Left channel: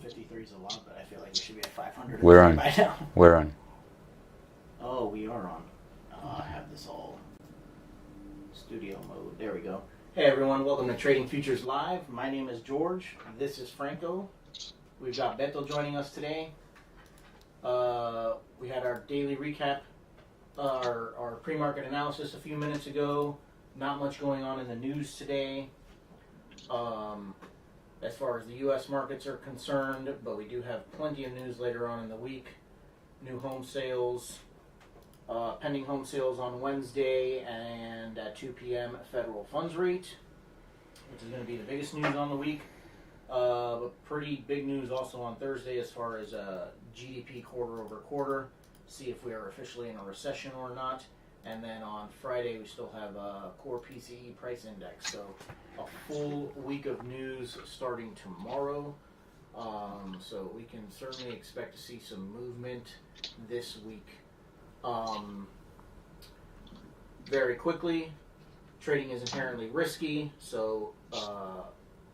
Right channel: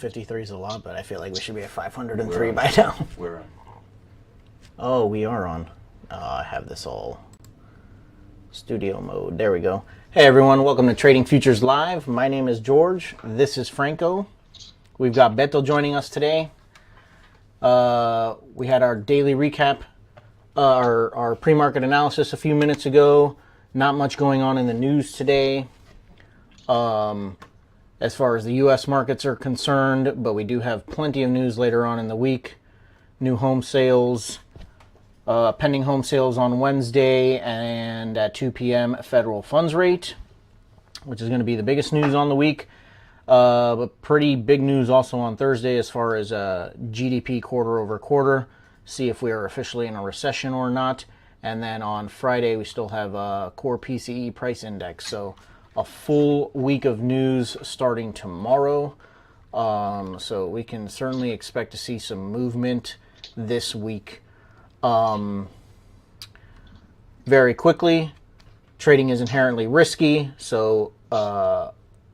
53 is a lot, but I feel like we should be at 503 We're on. by now. We're on. Oh, we are on. I have this all studio mode. There we go. Hey everyone, welcome to Trading Futures Live. My name is George. This is Franco. We've got Beto joining us today. We had our daily recap, our pre-market analysis a few minutes ago. Not much going on in the news today as far as the U.S. markets are concerned, but we do have plenty of news later on in the week. New home sales, pending home sales on Wednesday, and at 2 p.m. federal funds rate, which is going to be the biggest news on the week. But pretty big news also on Thursday as far as GDP quarter over quarter. See if we are officially in a recession or not. And then on Friday, we still have a core PCE price index. So a full week of news starting tomorrow. So we can certainly expect to see some movement this week. Very quickly, trading is inherently risky, so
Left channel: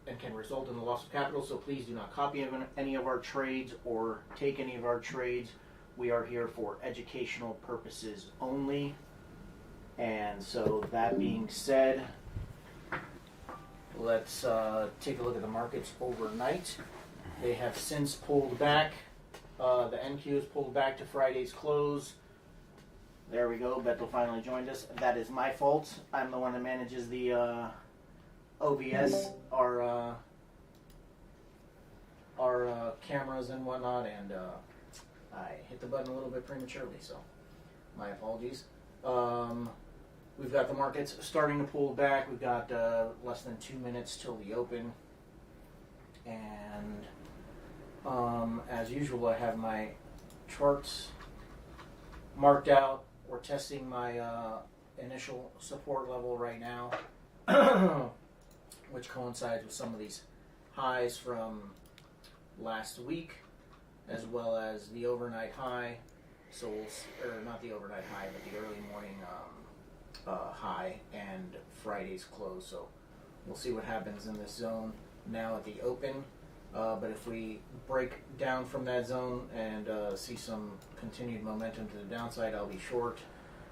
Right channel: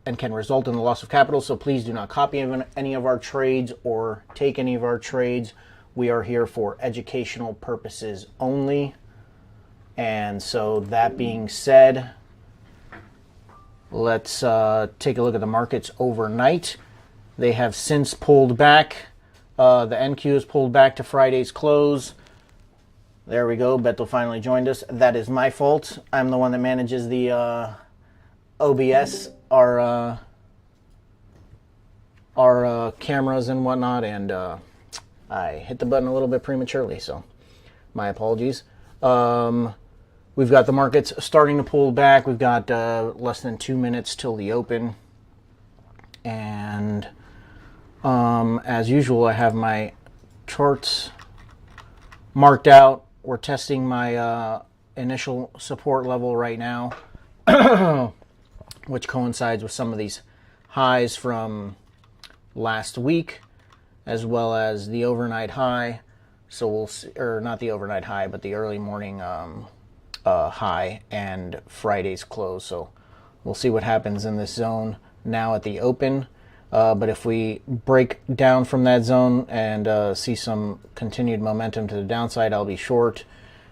and can result in the loss of capital. So please do not copy any of our trades or take any of our trades. We are here for educational purposes only. And so that being said, let's take a look at the markets overnight. They have since pulled back. The NQ has pulled back to Friday's close. There we go. Beto finally joined us. That is my fault. I'm the one that manages the OBS, our cameras and whatnot, and I hit the button a little bit prematurely, so my apologies. We've got the markets starting to pull back. We've got less than 2 minutes till the open, and as usual, I have my charts marked out. We're testing my initial support level right now, which coincides with some of these highs from last week, as well as the overnight high. So we'll see, or not the overnight high, but the early morning high and Friday's close. So we'll see what happens in this zone now at the open. But if we break down from that zone and see some continued momentum to the downside, I'll be short.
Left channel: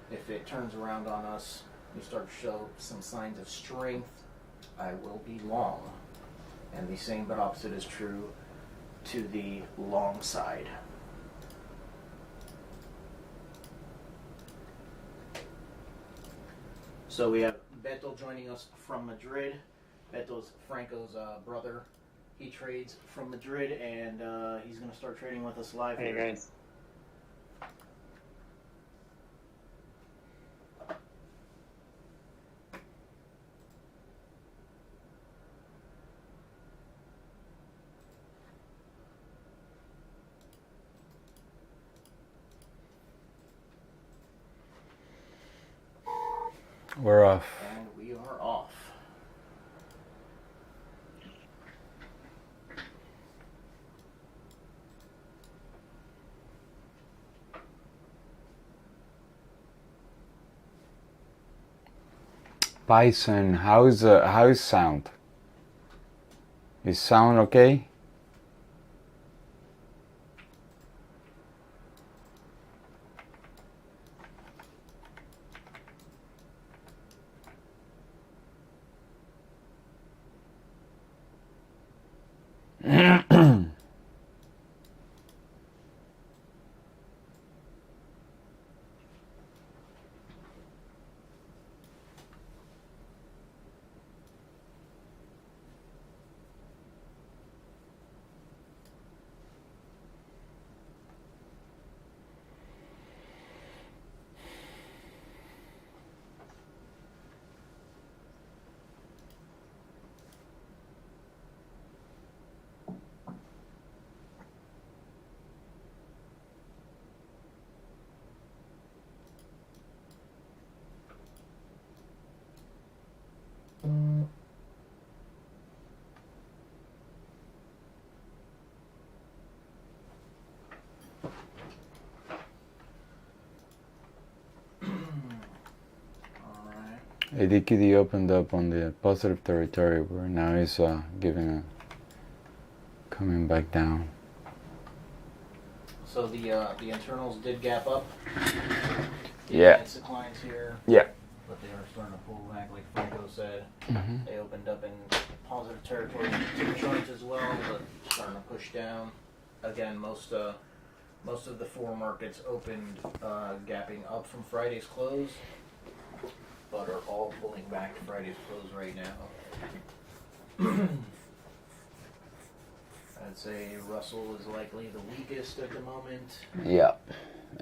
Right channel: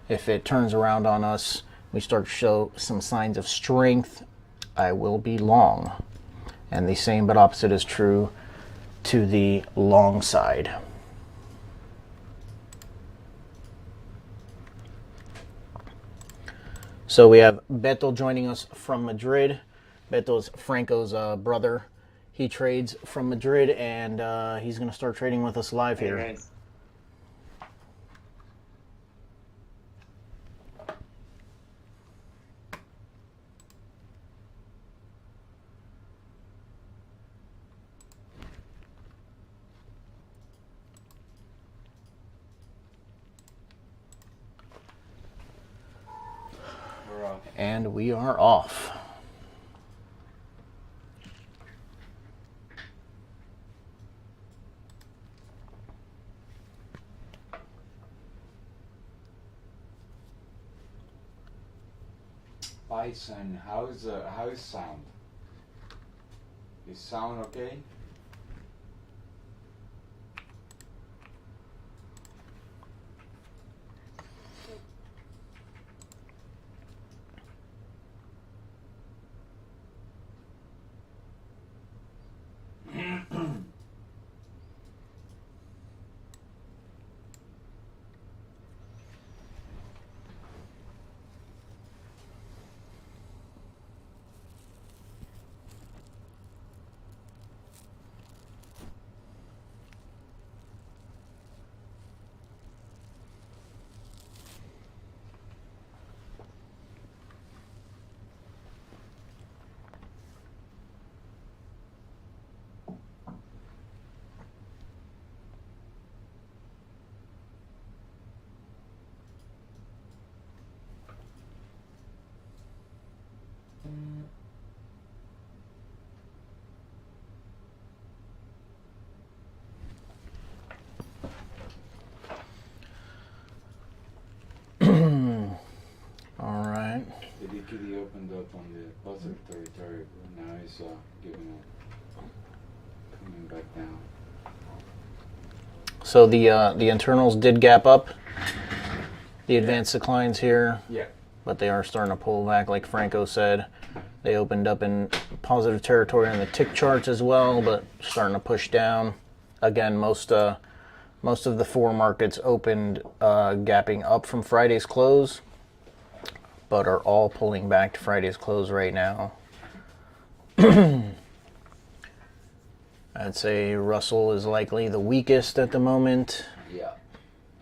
If it turns around on us, we start to show some signs of strength, I will be long. And the same but opposite is true to the long side. So we have Beto joining us from Madrid. Beto's Franco's brother. He trades from Madrid, and he's going to start trading with us live here. Hey guys. We're off. And we are off. Bison, how's sound? Is sound okay? ADQD opened up on the positive territory where now he's giving a Coming back down. So the internals did gap up. The advanced declines here. Yeah. But they are starting to pull back, like Franco said. They opened up in positive territory on the tick charts as well, but starting to push down. Again, most of the four markets opened gapping up from Friday's close, but are all pulling back to Friday's close right now. I'd say Russell is likely the weakest at the moment. Yeah.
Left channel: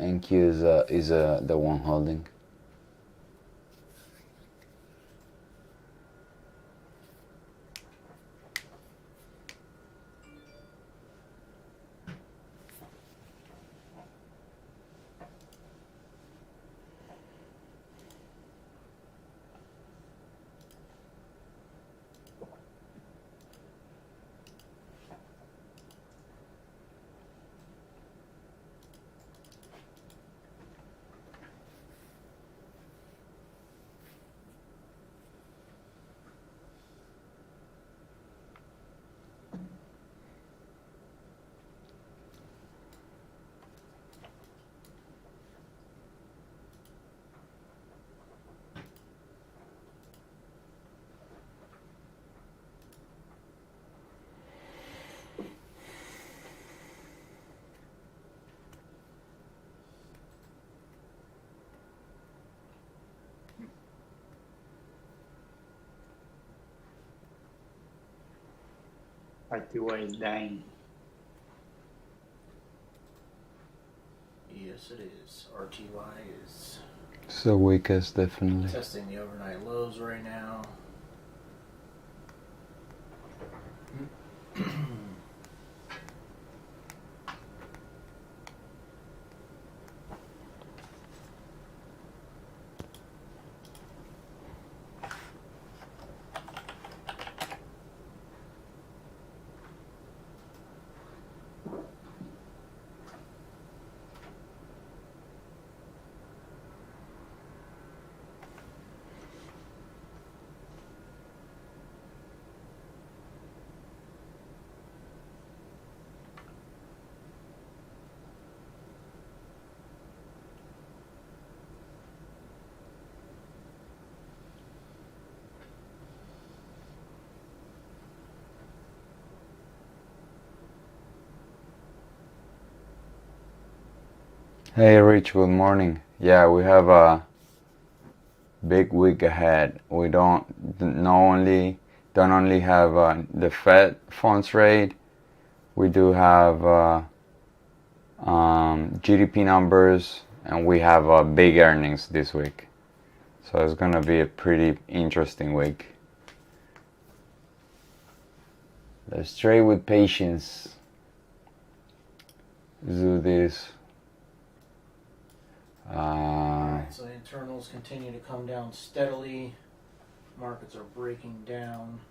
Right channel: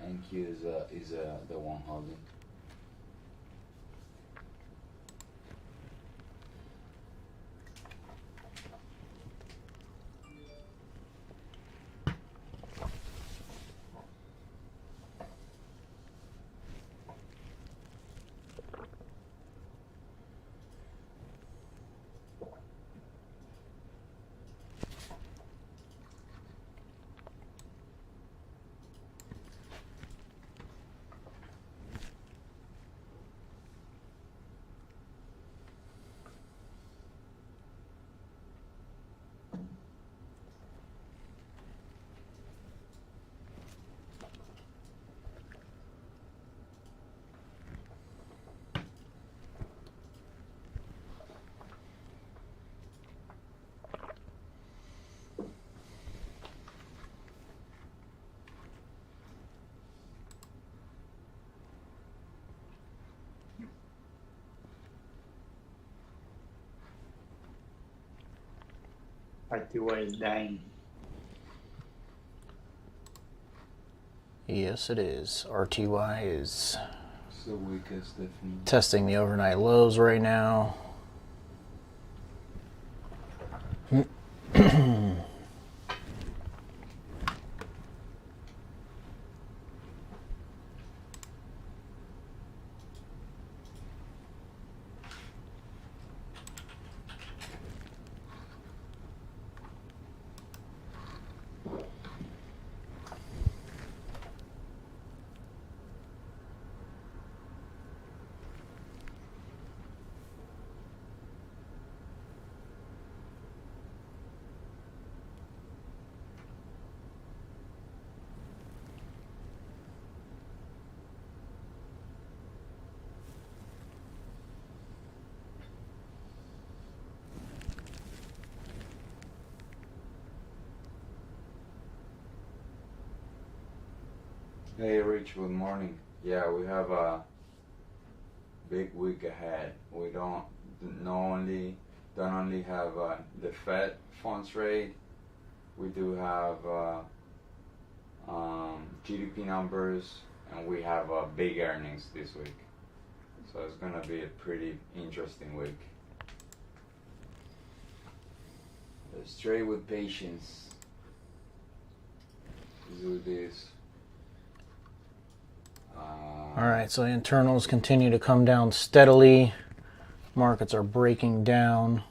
NQ is the one holding. RTY is dying. Yes, it is. RTY is It's the weakest, definitely. testing the overnight lows right now. Hey Rich, good morning. Yeah, we have a big week ahead. We don't only have the Fed funds rate. We do have GDP numbers, and we have big earnings this week. So it's gonna be a pretty interesting week. Let's trade with patience. Let's do this. All right, so the internals continue to come down steadily. Markets are breaking down.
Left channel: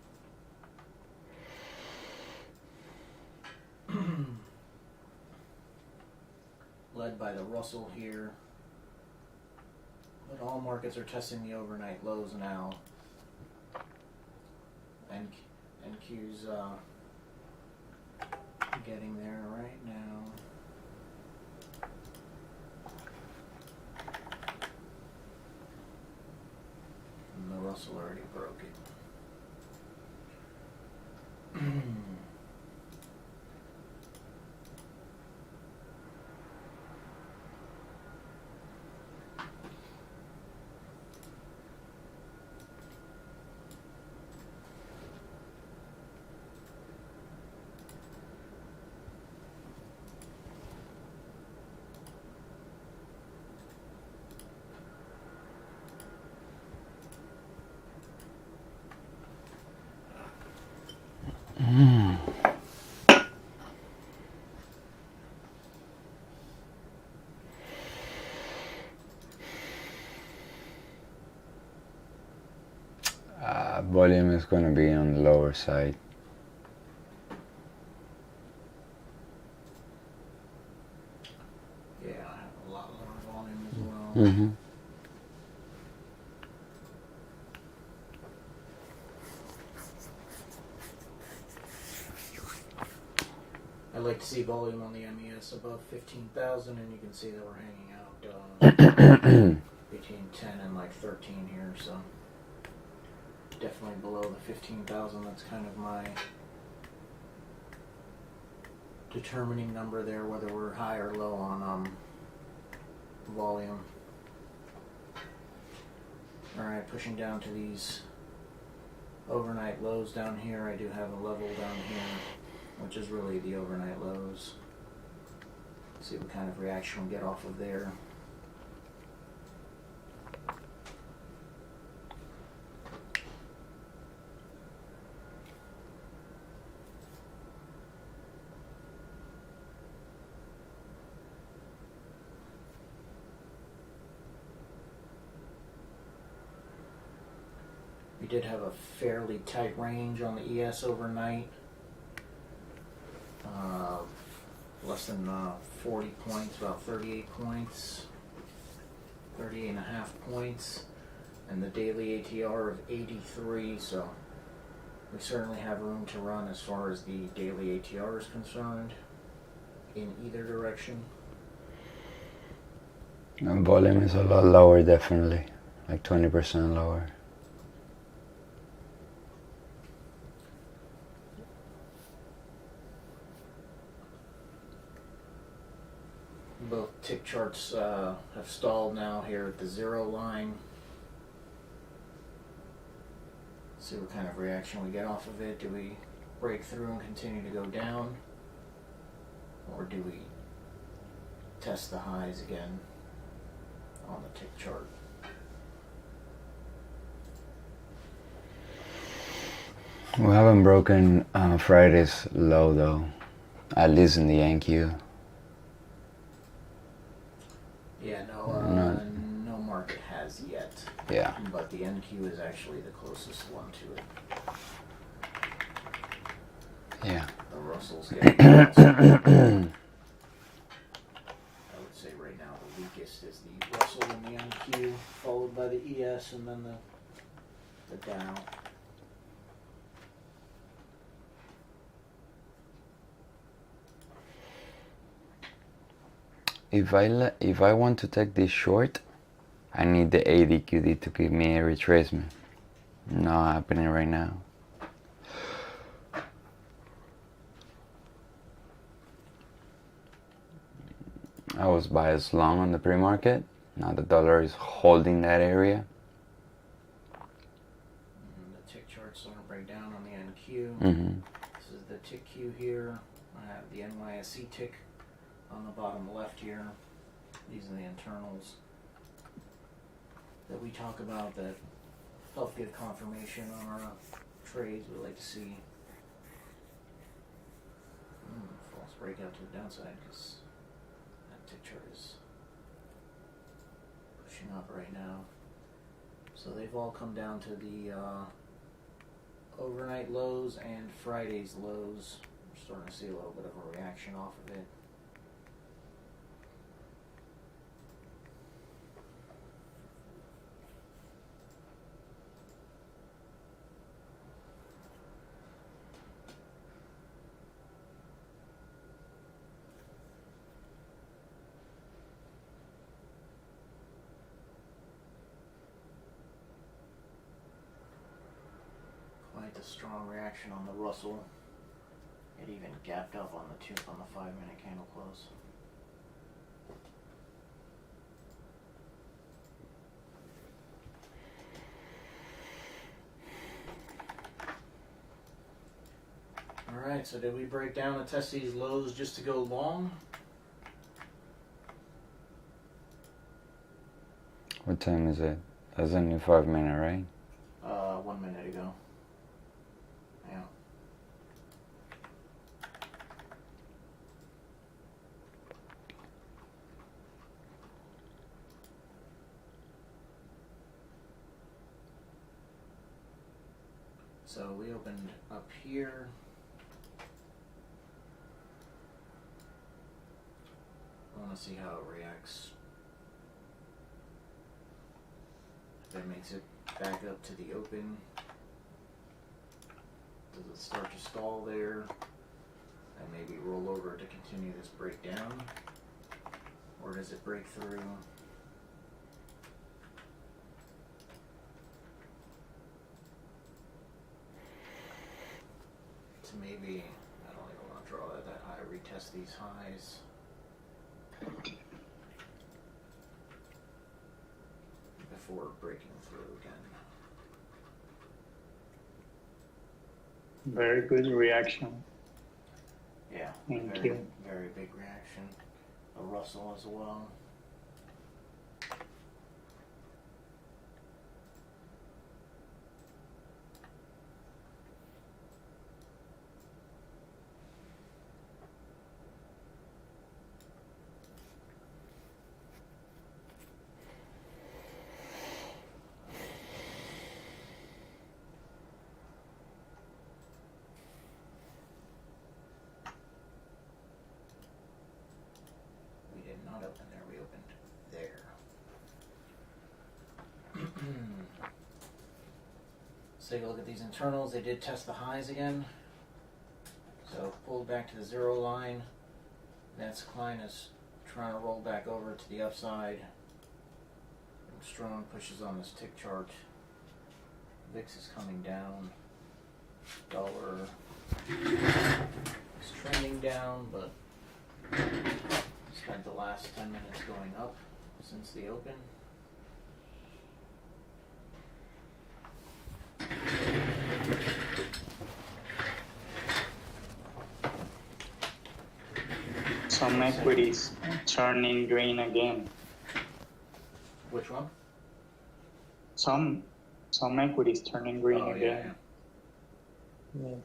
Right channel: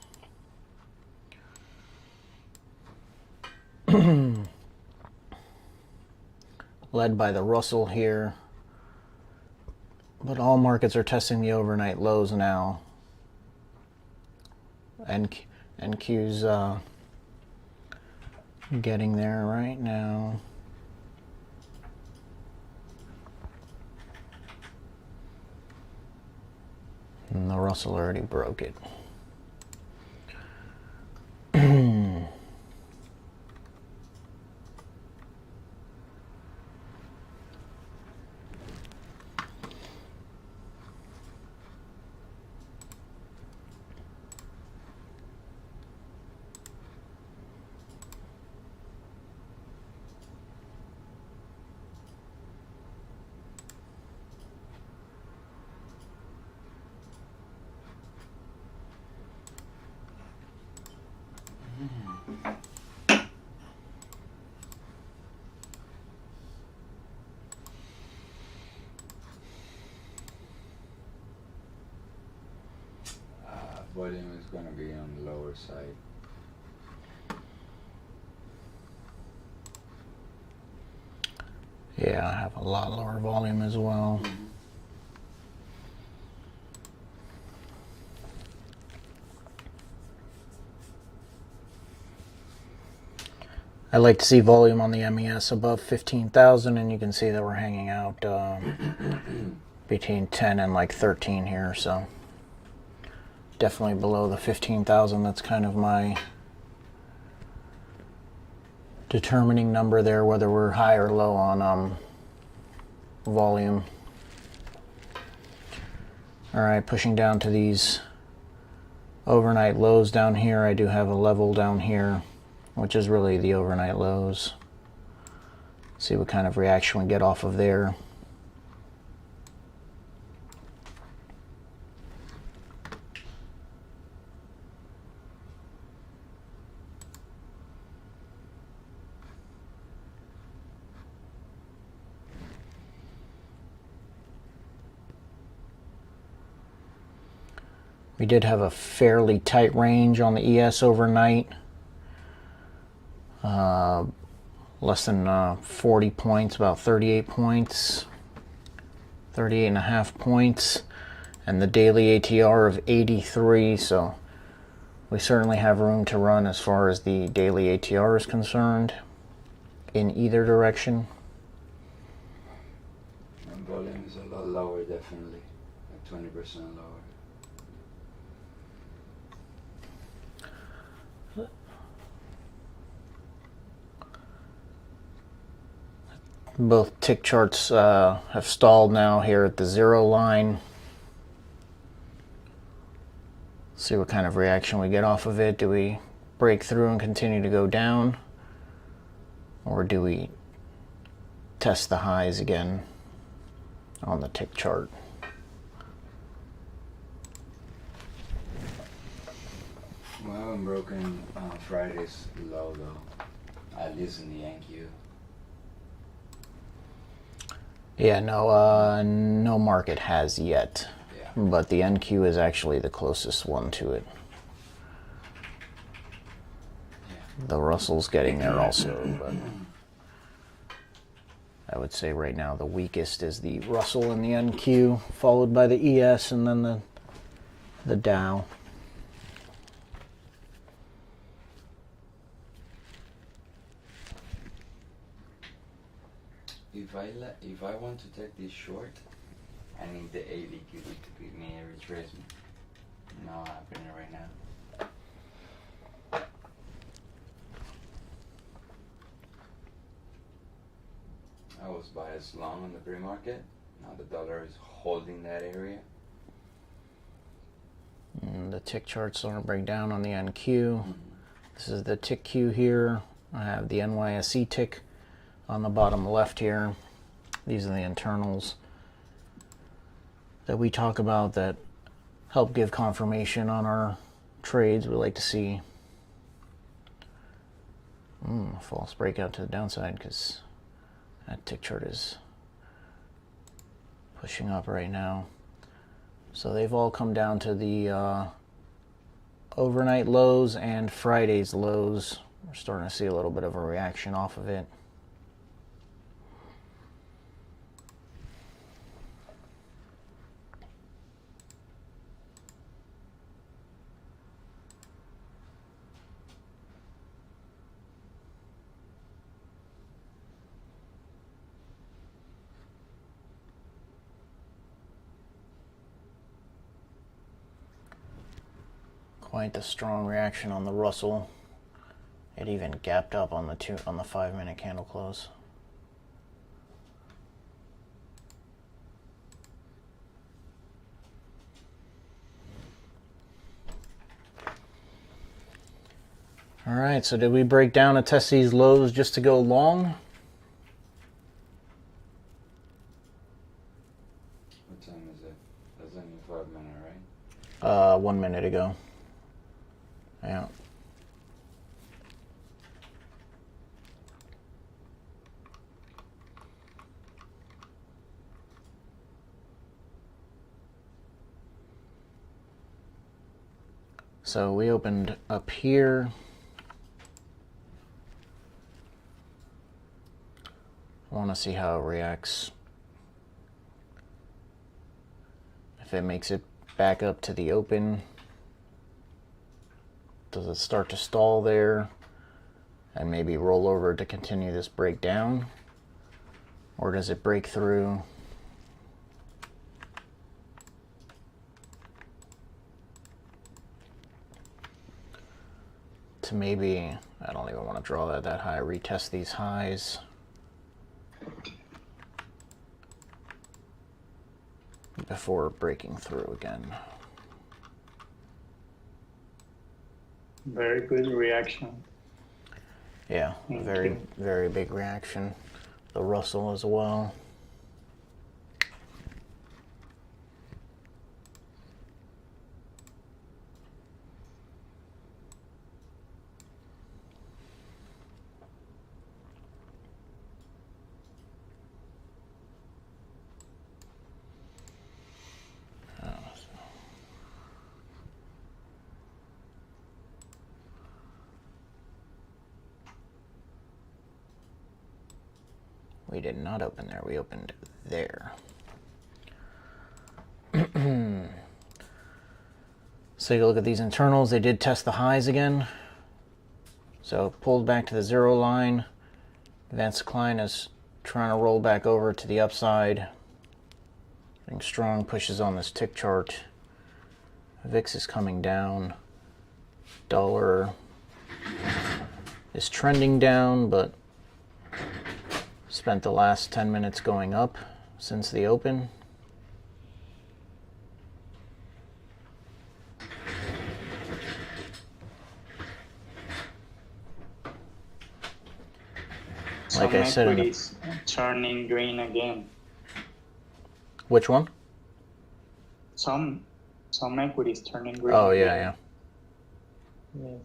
Led by the Russell here. But all markets are testing the overnight lows now. NQ's getting there right now. And the Russell already broke it. Volume is going to be on the lower side. Yeah, I have a lot lower volume as well. I like to see volume on the MES above 15,000, and you can see that we're hanging out between 10 and like 13 here, so definitely below the 15,000. That's kind of my determining number there, whether we're high or low on volume. All right, pushing down to these overnight lows down here. I do have a level down here, which is really the overnight lows. See what kind of reaction we get off of there. We did have a fairly tight range on the ES overnight. Less than 40 points, about 38 points, 38 and a half points, and the daily ATR of 83, so we certainly have room to run as far as the daily ATR is concerned in either direction. And volume is a lot lower, definitely, like 20% lower. Both tick charts have stalled now here at the 0 line. See what kind of reaction we get off of it. Do we break through and continue to go down? Or do we test the highs again on the tick chart? We haven't broken Friday's low though, at least in the NQ. Yeah, no market has yet. Yeah. But the NQ is actually the closest one to it. Yeah. The Russell's getting there also. I would say right now the weakest is the Russell and the NQ, followed by the ES and then the Dow. If I want to take this short, I need the ADQD to give me a retracement. Not happening right now. I was biased long on the pre-market. Now the dollar is holding that area. The tick chart's starting to break down on the NQ. This is the tick Q here. I have the NYSE tick on the bottom left here. These are the internals that we talk about that help give confirmation on our trades. We like to see a false breakout to the downside because that tick chart is pushing up right now. So they've all come down to the overnight lows and Friday's lows. We're starting to see a little bit of a reaction off of it. Quite the strong reaction on the Russell. It even gapped up on the 5-minute candle close. All right, so did we break down and test these lows just to go long? What time is it? That's only 5 minutes, right? 1 minute ago. Yeah. So we opened up here. I want to see how it reacts. If it makes it back up to the open. Does it start to stall there? and maybe roll over to continue this breakdown? Or does it break through? To maybe, I don't even want to draw that high, retest these highs. Before breaking through again. Very good reaction. Yeah, very big reaction. The Russell as well. We did not open there, we opened there. So you look at these internals, they did test the highs again. So pulled back to the 0 line. Advanced decline is trying to roll back over to the upside. Getting strong pushes on this tick chart. VIX is coming down. Dollar is trending down, but spent the last 10 minutes going up since the open. Some equities turning green again. Which one? Some equities turning green Oh, yeah, again. yeah. Yes.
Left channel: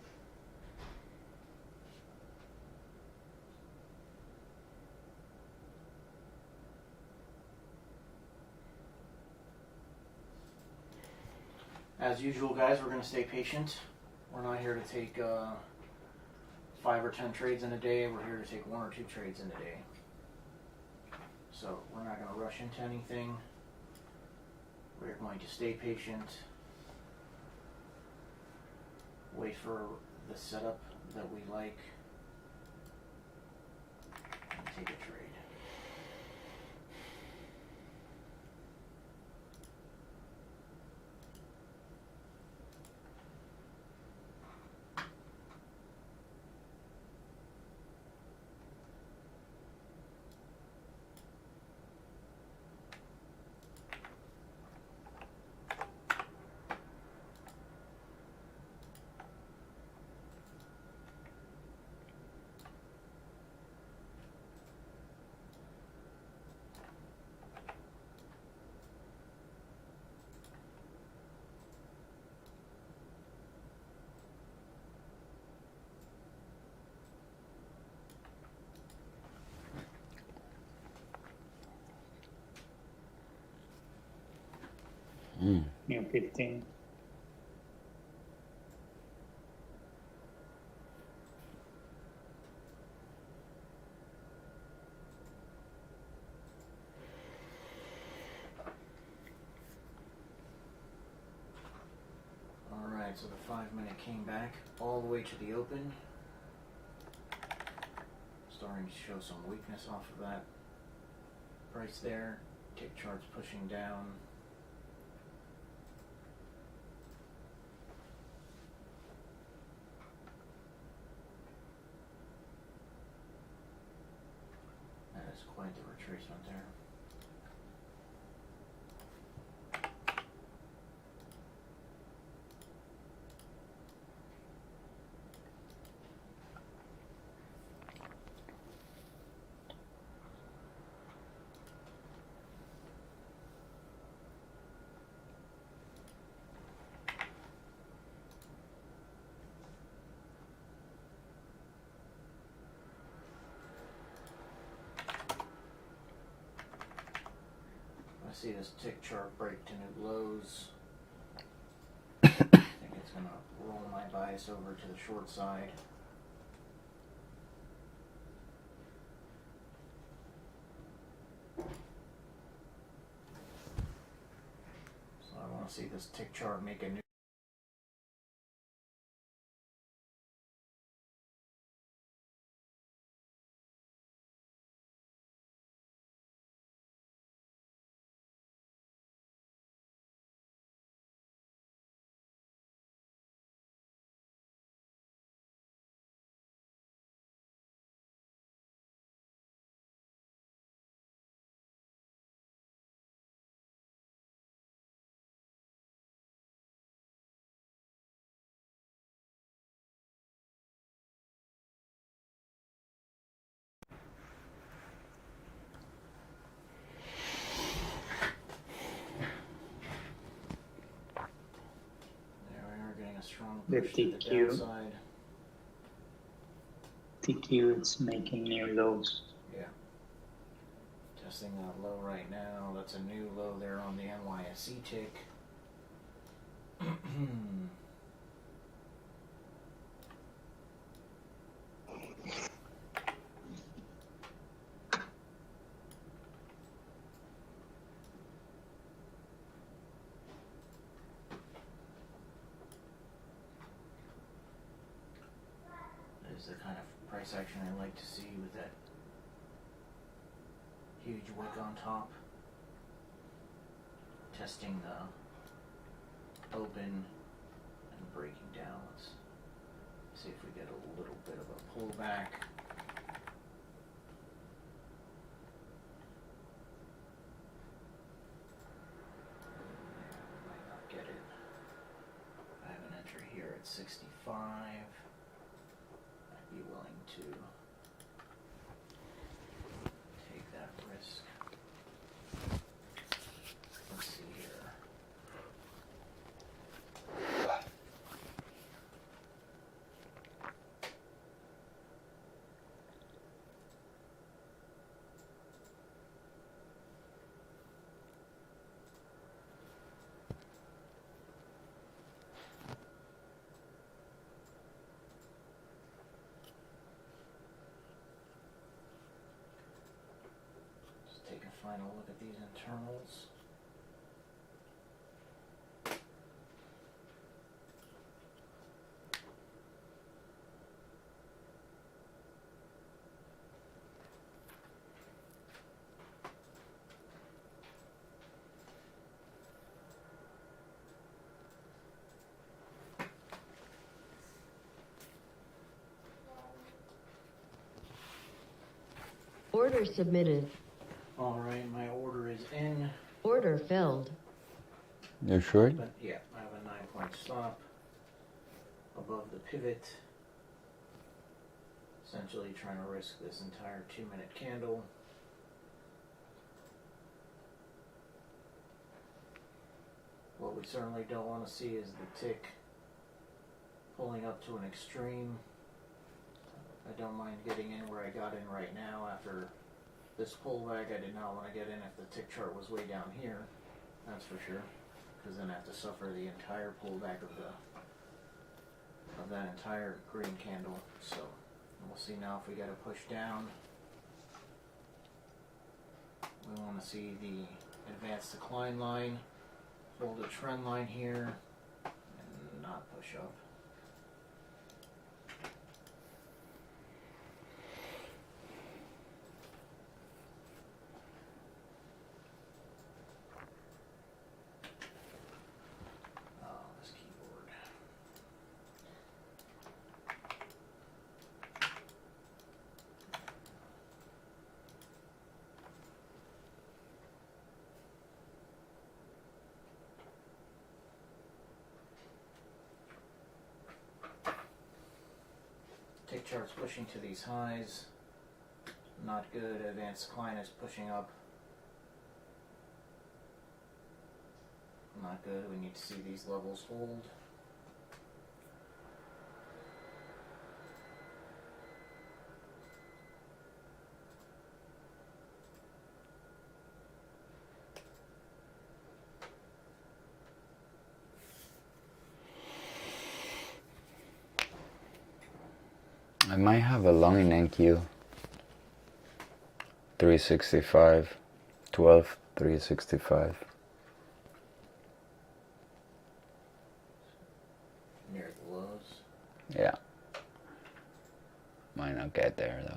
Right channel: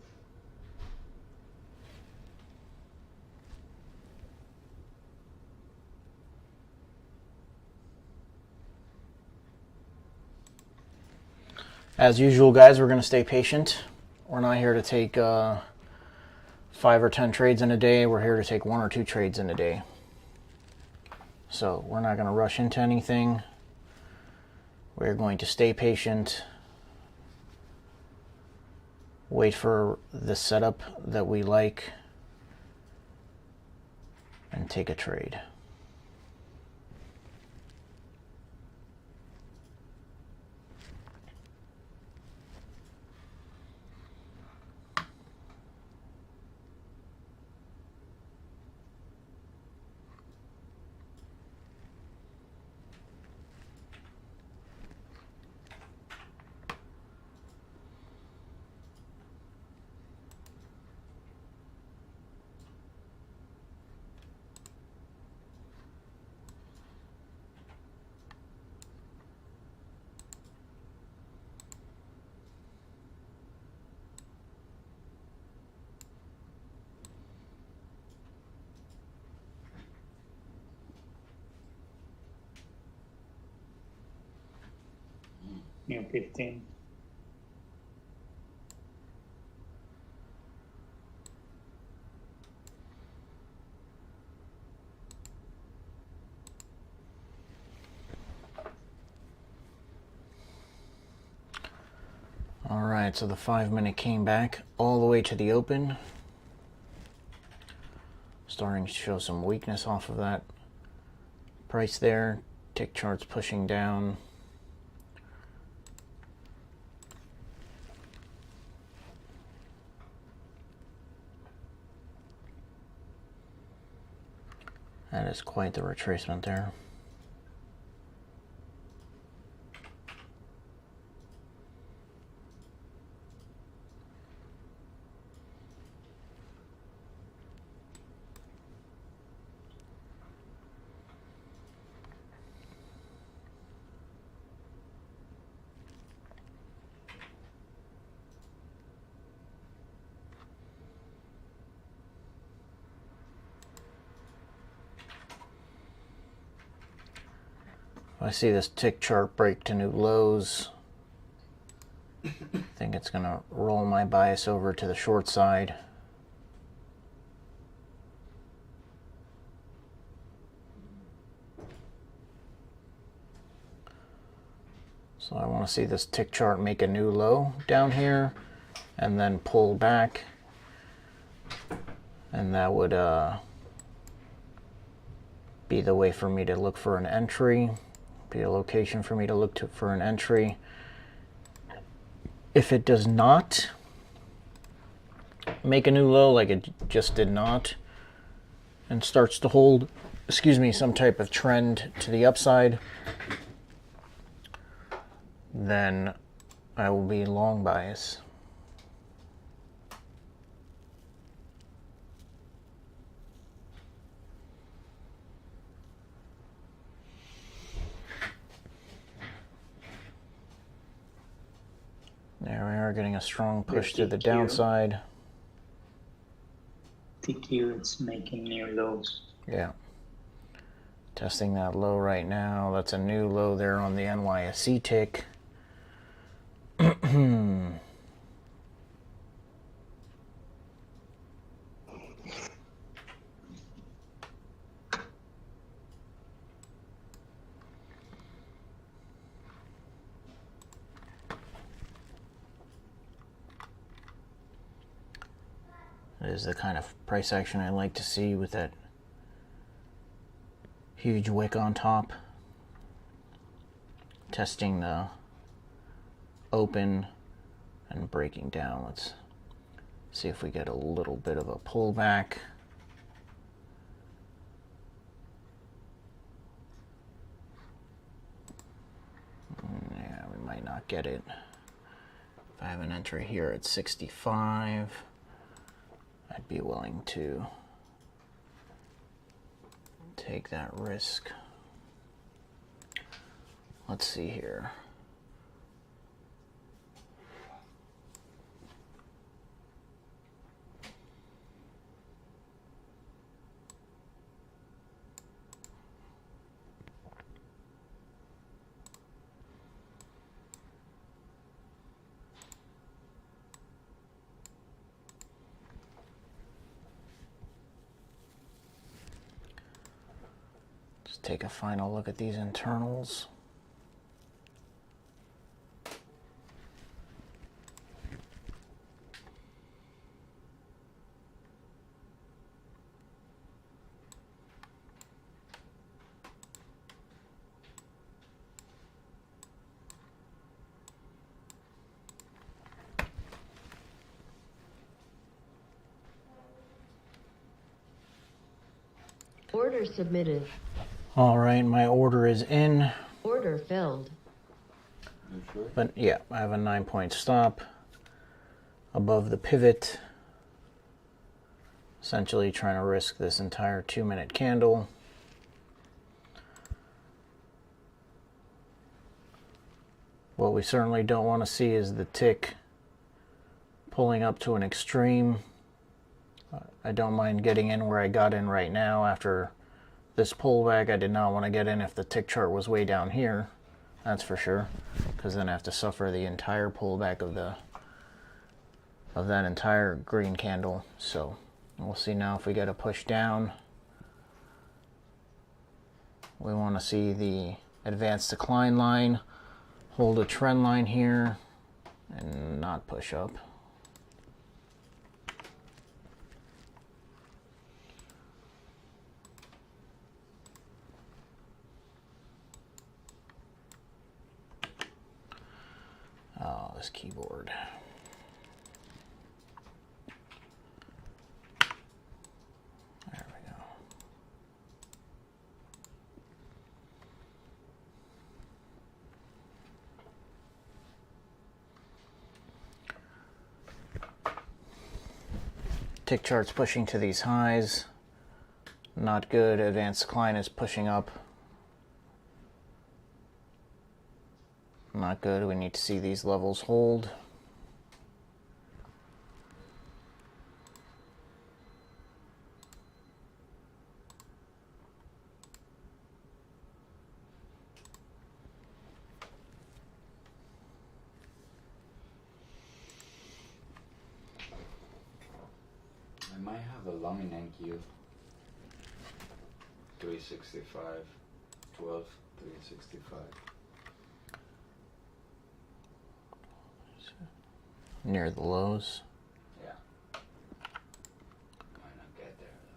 As usual, guys, we're going to stay patient. We're not here to take 5 or 10 trades in a day. We're here to take 1 or 2 trades in a day. So we're not going to rush into anything. We're going to stay patient. Wait for the setup that we like. And take a trade. New 15. All right, so the 5-minute came back all the way to the open. Starting to show some weakness off of that price there. Tick charts pushing down. That is quite the retracement there. I see this tick chart break to new lows. I think it's going to roll my bias over to the short side. So I want to see this tick chart make a new low down here and then pull back And that would be the way for me to look for an entry, be a location for me to look for an entry. If it does not make a new low, like it just did not, and starts to hold, excuse me, some type of trend to the upside, then I will be long bias. There we are, getting a strong push to the downside. TQ, it's making new lows. Yeah. Testing that low right now. That's a new low there on the NYSE tick. That is the kind of price action I like to see, with that huge wick on top. Testing the open and breaking down. Let's see if we get a little bit of a pullback. Yeah, we might not get it. If I have an entry here at 65, I'd be willing to take that risk. Let's see here. Just take a final look at these internals. Order submitted. All right, my order is in. Order filled. You sure? But yeah, I have a 9-point stop above the pivot. Essentially trying to risk this entire 2-minute candle. What we certainly don't want to see is the tick pulling up to an extreme. I don't mind getting in where I got in right now after this pullback. I did not want to get in if the tick chart was way down here, that's for sure, because then I have to suffer the entire pullback of that entire green candle. So we'll see now if we get a push down. We want to see the advanced decline line hold a trend line here and not push up. Oh, this keyboard. There we go. Tick chart's pushing to these highs. Not good. Advanced decline is pushing up. Not good. We need to see these levels hold. I might have a long in NQ. 365, 12, 365. Near the lows. Yeah. Might not get there though.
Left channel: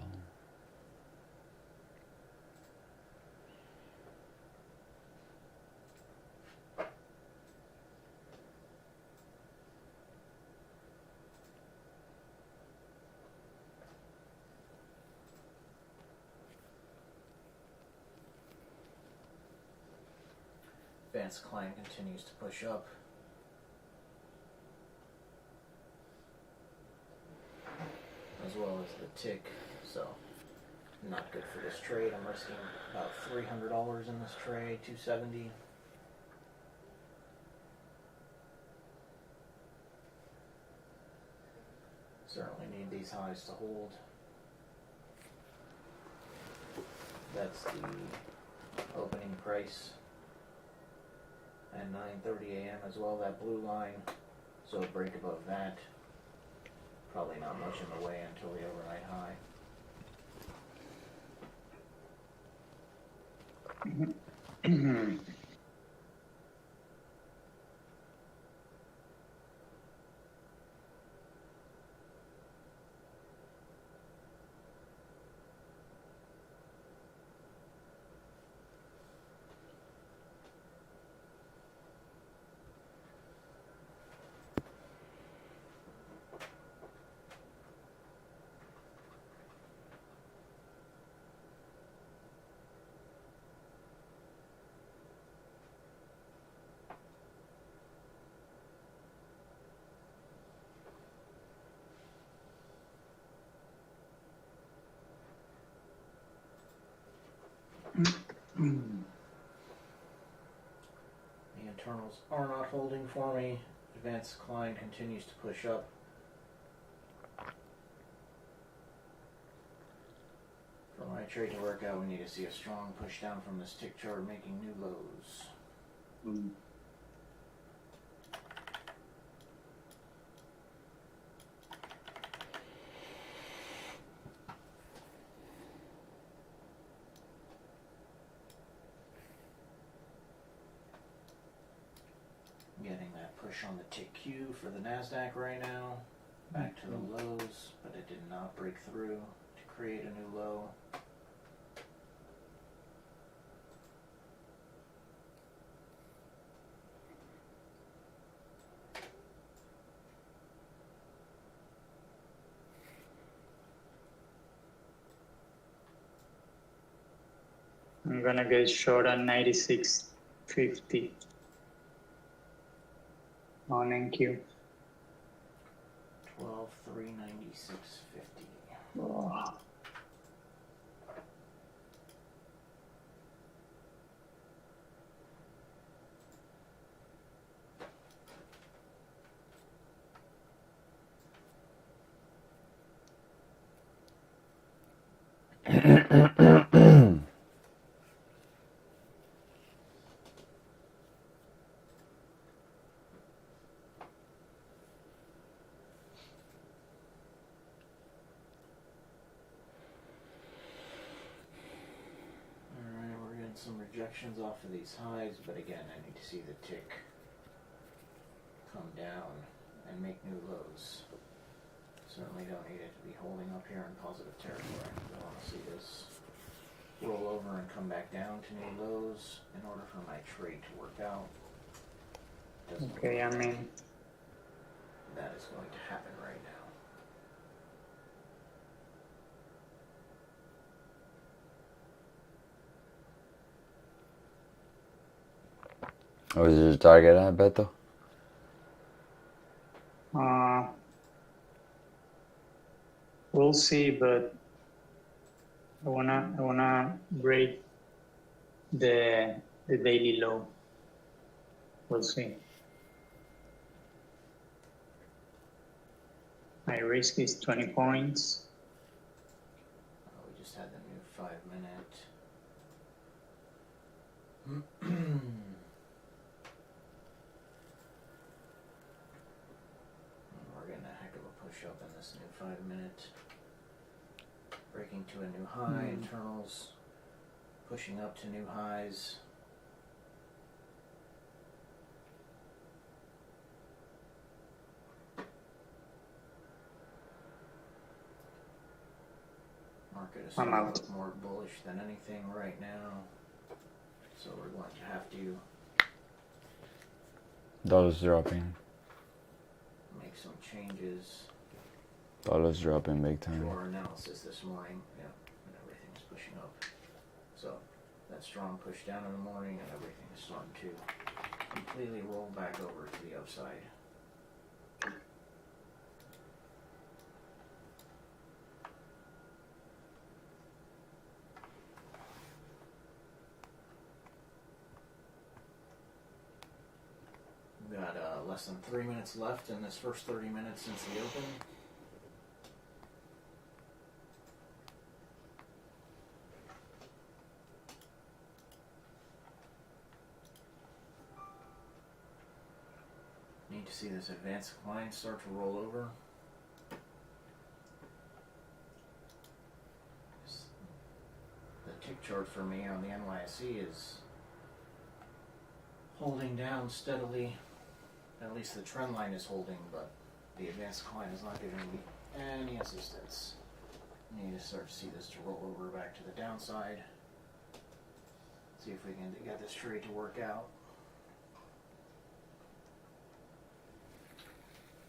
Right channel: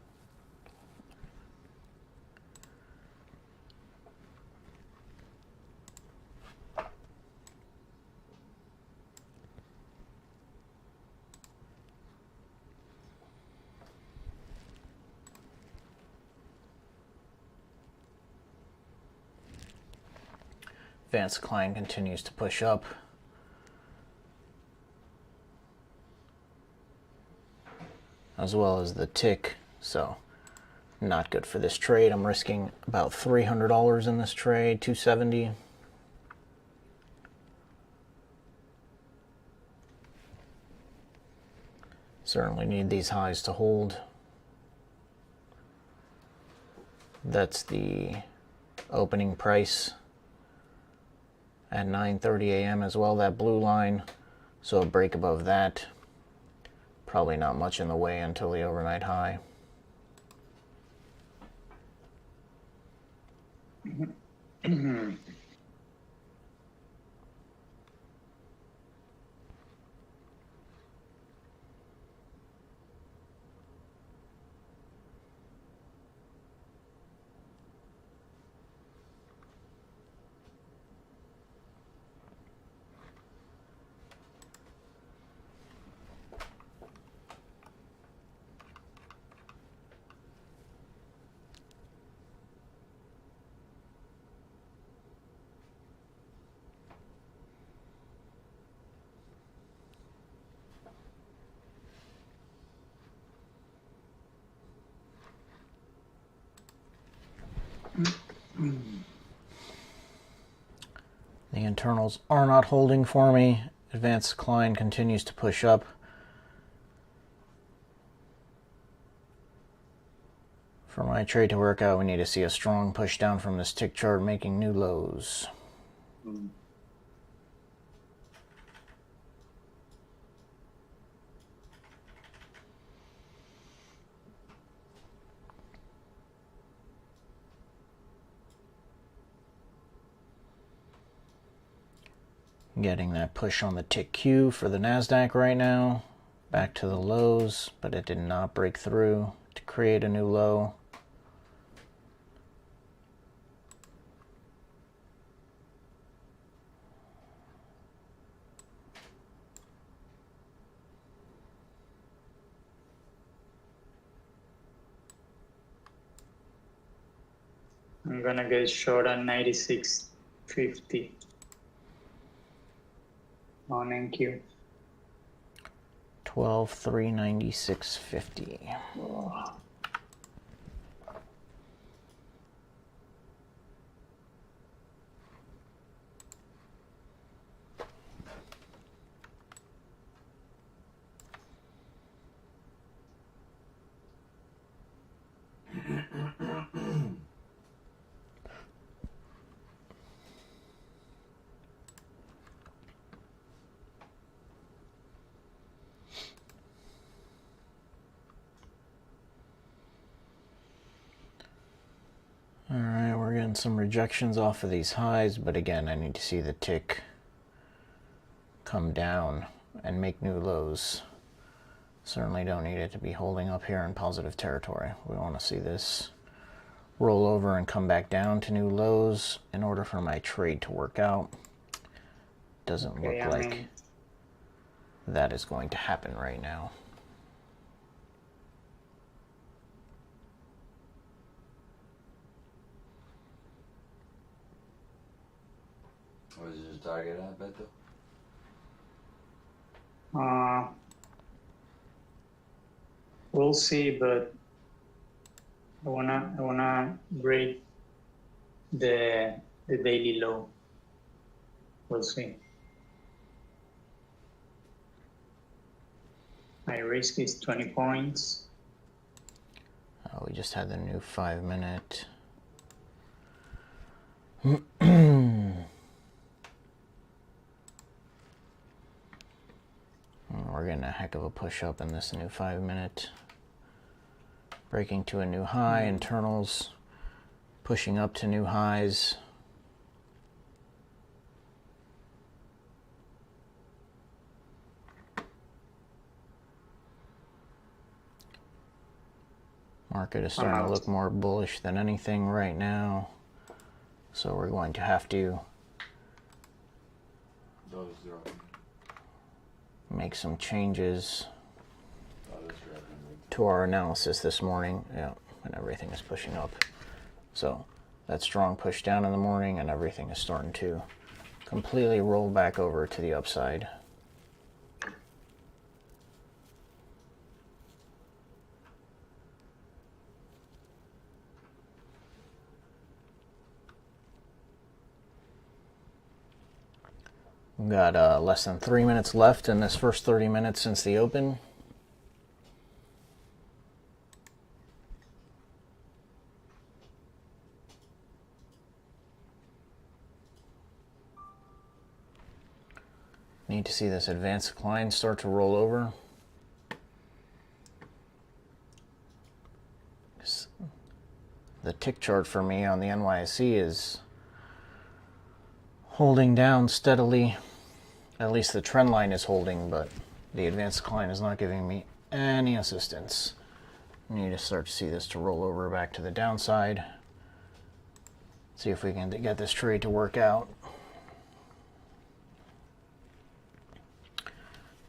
Advanced decline continues to push up. As well as the tick, so not good for this trade. I'm risking about $300 in this trade, 270. Certainly need these highs to hold. That's the opening price at 9:30 a.m. as well, that blue line. So a break above that. Probably not much in the way until the overnight high. The internals are not holding for me. Advanced decline continues to push up. For my trade to work out, we need to see a strong push down from this tick chart, making new lows. Getting that push on the tick Q for the Nasdaq right now. Back to the lows, but it did not break through to create a new low. I'm gonna get short on 96.50 on NQ. 12,396.50. Oh. Alright, we're getting some rejections off of these highs, but again, I need to see the tick come down and make new lows. Certainly don't need it to be holding up here in positive territory. We want to see this roll over and come back down to new lows in order for my trade to work out. Doesn't look like that is going to happen right now. What was your target at, Beto? We'll see, but I wanna break the daily low. We'll see. My risk is 20 points. We just had the new 5-minute. We're getting a heck of a push up in this new 5-minute. Breaking to a new high, internals pushing up to new highs. Market is starting to look more bullish than anything right now. So we're going to have to Dollars dropping. make some changes Dollars dropping big time. to our analysis this morning. Yeah, and everything is pushing up. So that strong push down in the morning and everything is starting to completely roll back over to the upside. We've got less than 3 minutes left in this first 30 minutes since the open. Need to see this advanced decline start to roll over. The tick chart for me on the NYSE is holding down steadily. At least the trend line is holding, but the advanced decline is not giving me any assistance. I need to start to see this to roll over back to the downside. See if we can get this trade to work out.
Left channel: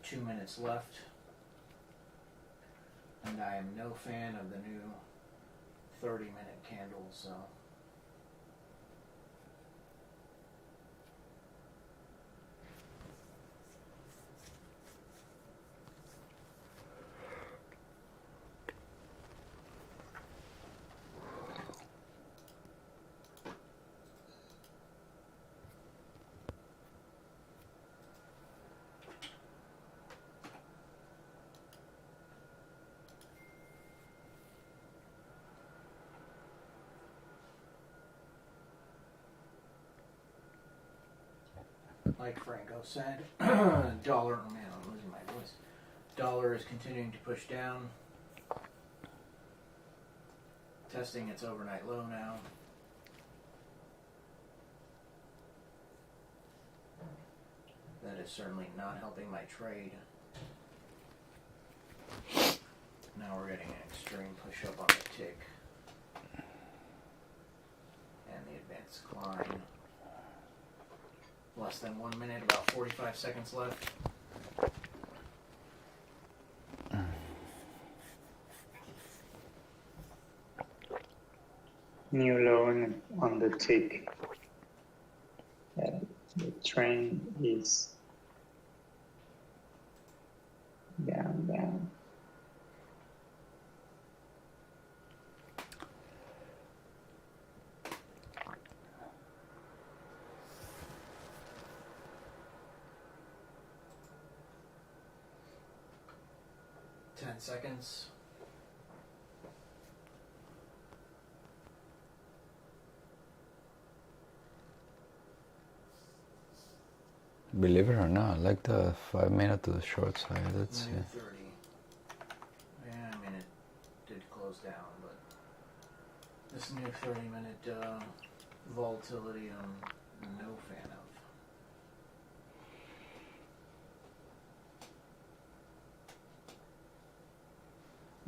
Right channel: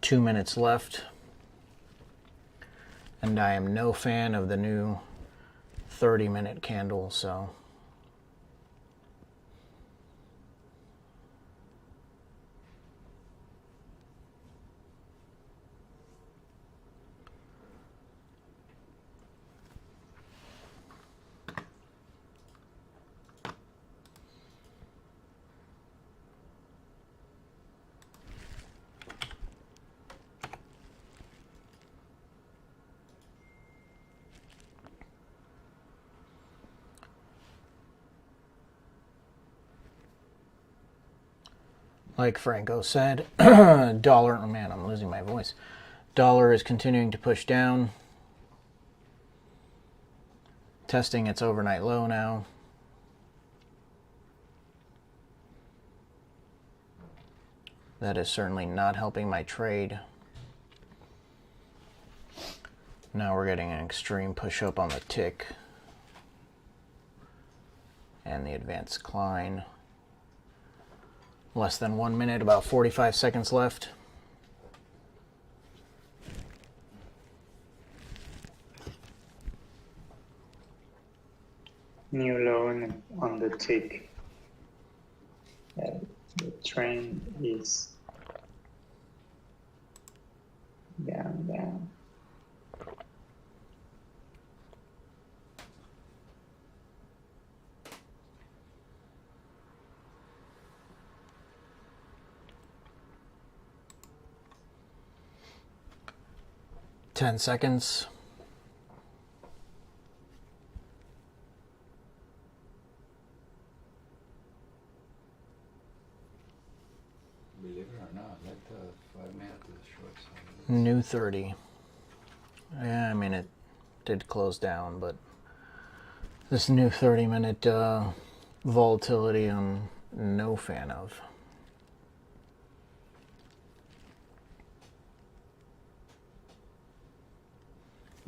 2 minutes left. And I am no fan of the new 30-minute candle, so like Franco said, dollar, oh man, I'm losing my voice. Dollar is continuing to push down. Testing its overnight low now. That is certainly not helping my trade. Now we're getting an extreme push up on the tick. And the advanced decline. Less than 1 minute, about 45 seconds left. New low on the tick. The trend is down, down. Ten seconds. Believe it or not, I like the 5 minute to the short side. That's New 30. Yeah, I mean, it did close down, but this new 30-minute volatility I'm no fan of.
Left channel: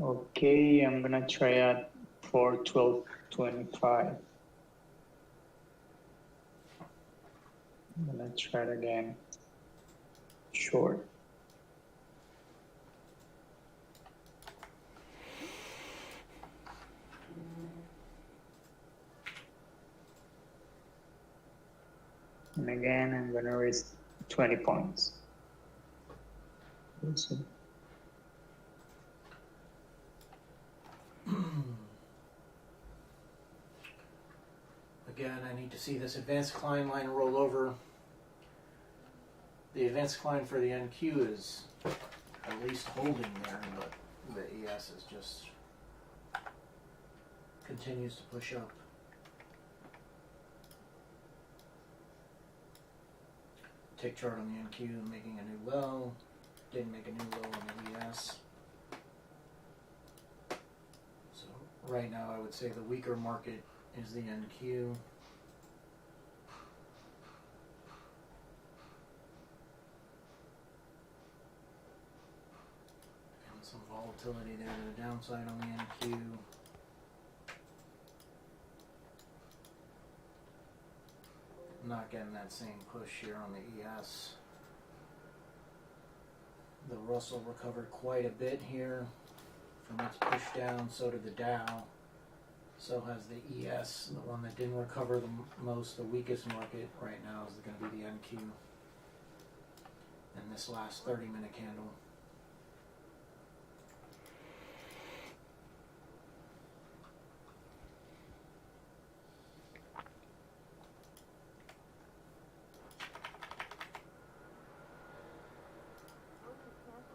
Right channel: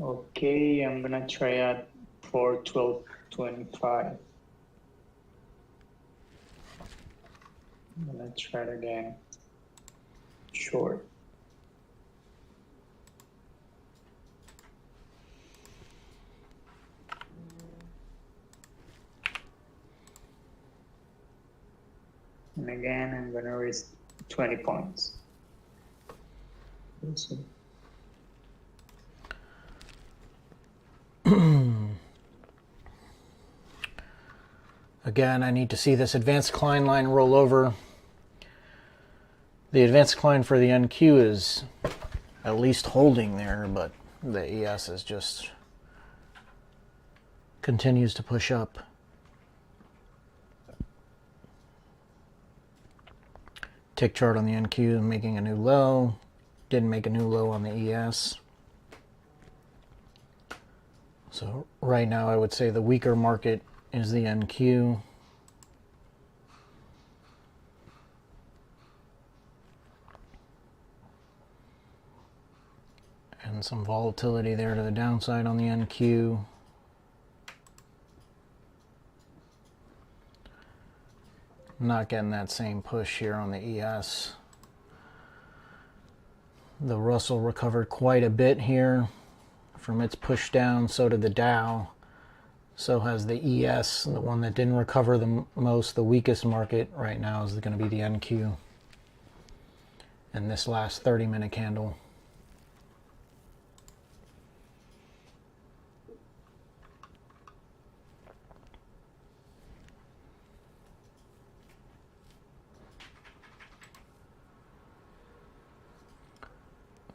Okay, I'm gonna try at 412.25. I'm gonna try it again. Short. And again, I'm gonna risk 20 points. We'll see. Again, I need to see this advanced decline line roll over. The advanced decline for the NQ is at least holding there, but the ES is just continues to push up. Tick chart on the NQ making a new low. Didn't make a new low on the ES. So right now I would say the weaker market is the NQ. And some volatility there to the downside on the NQ. Not getting that same push here on the ES. The Russell recovered quite a bit here from its push down. So did the Dow. So has the ES. The one that didn't recover the most, the weakest market right now, is going to be the NQ. And this last 30-minute candle.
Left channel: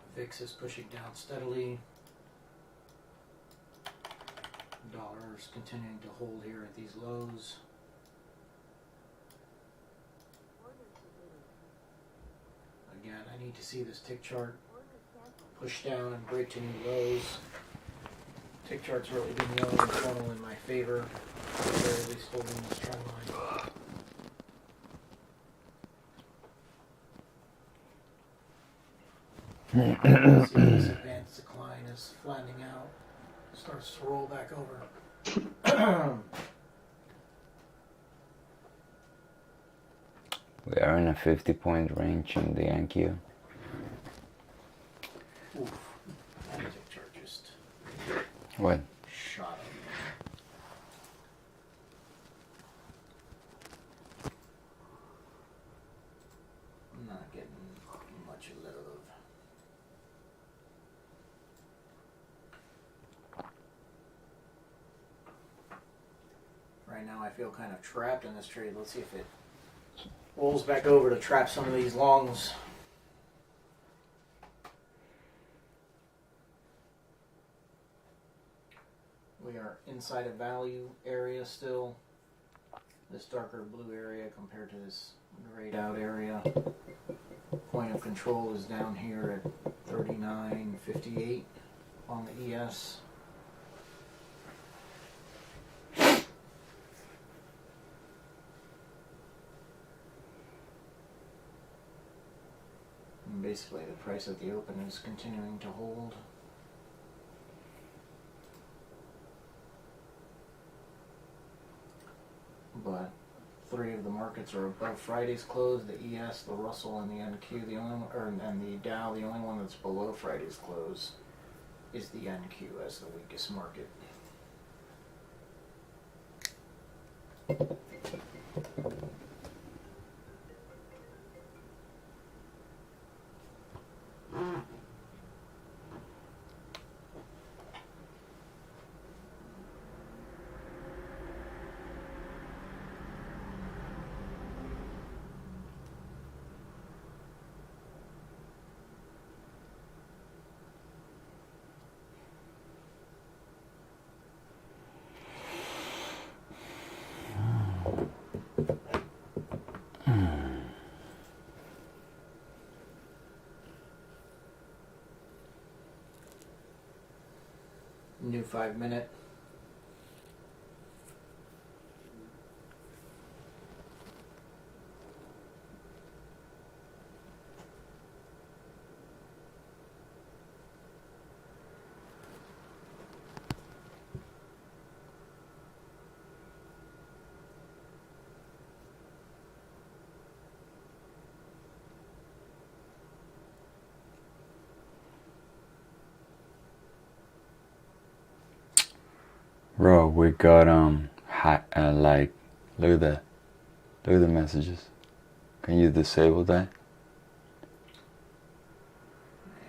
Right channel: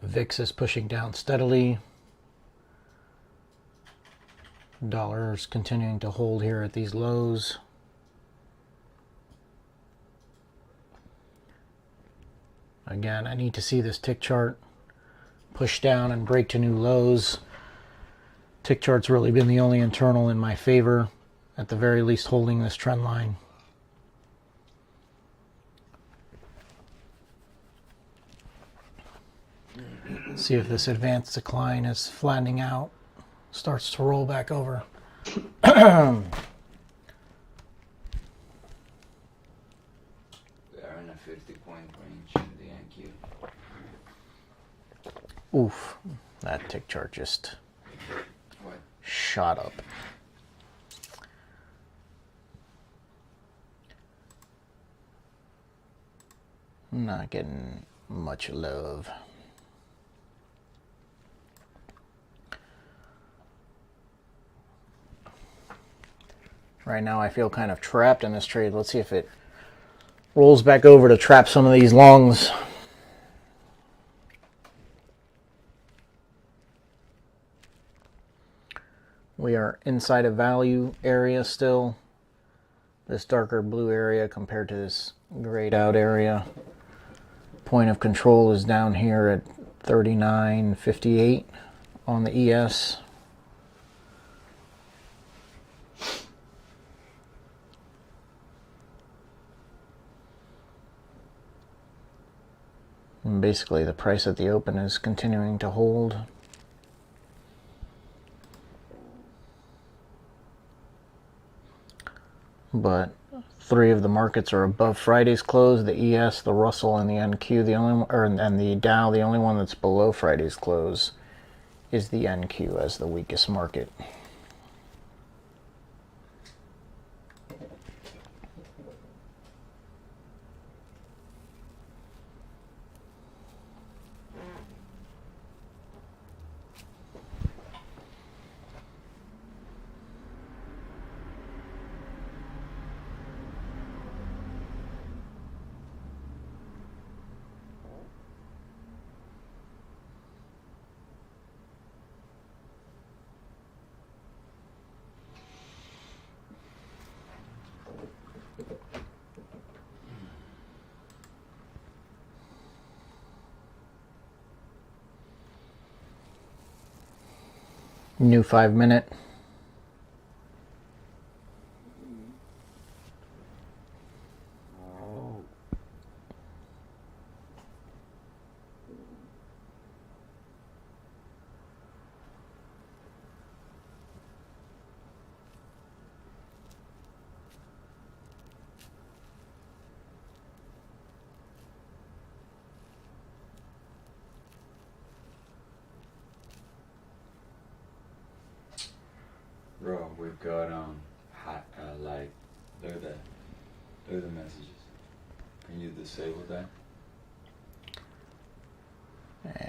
VIX is pushing down steadily. Dollar is continuing to hold here at these lows. Again, I need to see this tick chart push down and break to new lows. Tick chart's really been the only internal in my favor, at the very least holding this trend line. See if this advanced decline is flattening out, starts to roll back over. We are in a 50-point range in the NQ. Oof, that tick chart just What? shot up. Not getting much love. Right now I feel kind of trapped in this trade. Let's see if it rolls back over to trap some of these longs. We are inside a value area still. This darker blue area compared to this grayed out area. Point of control is down here at 39.58 on the ES. And basically the price at the open is continuing to hold. But three of the markets are above Friday's close: the ES, the Russell, and the NQ. The only and the Dow. The only one that's below Friday's close is the NQ as the weakest market. New 5-minute. Bro, we got like look at the messages. Can you disable that? Yeah.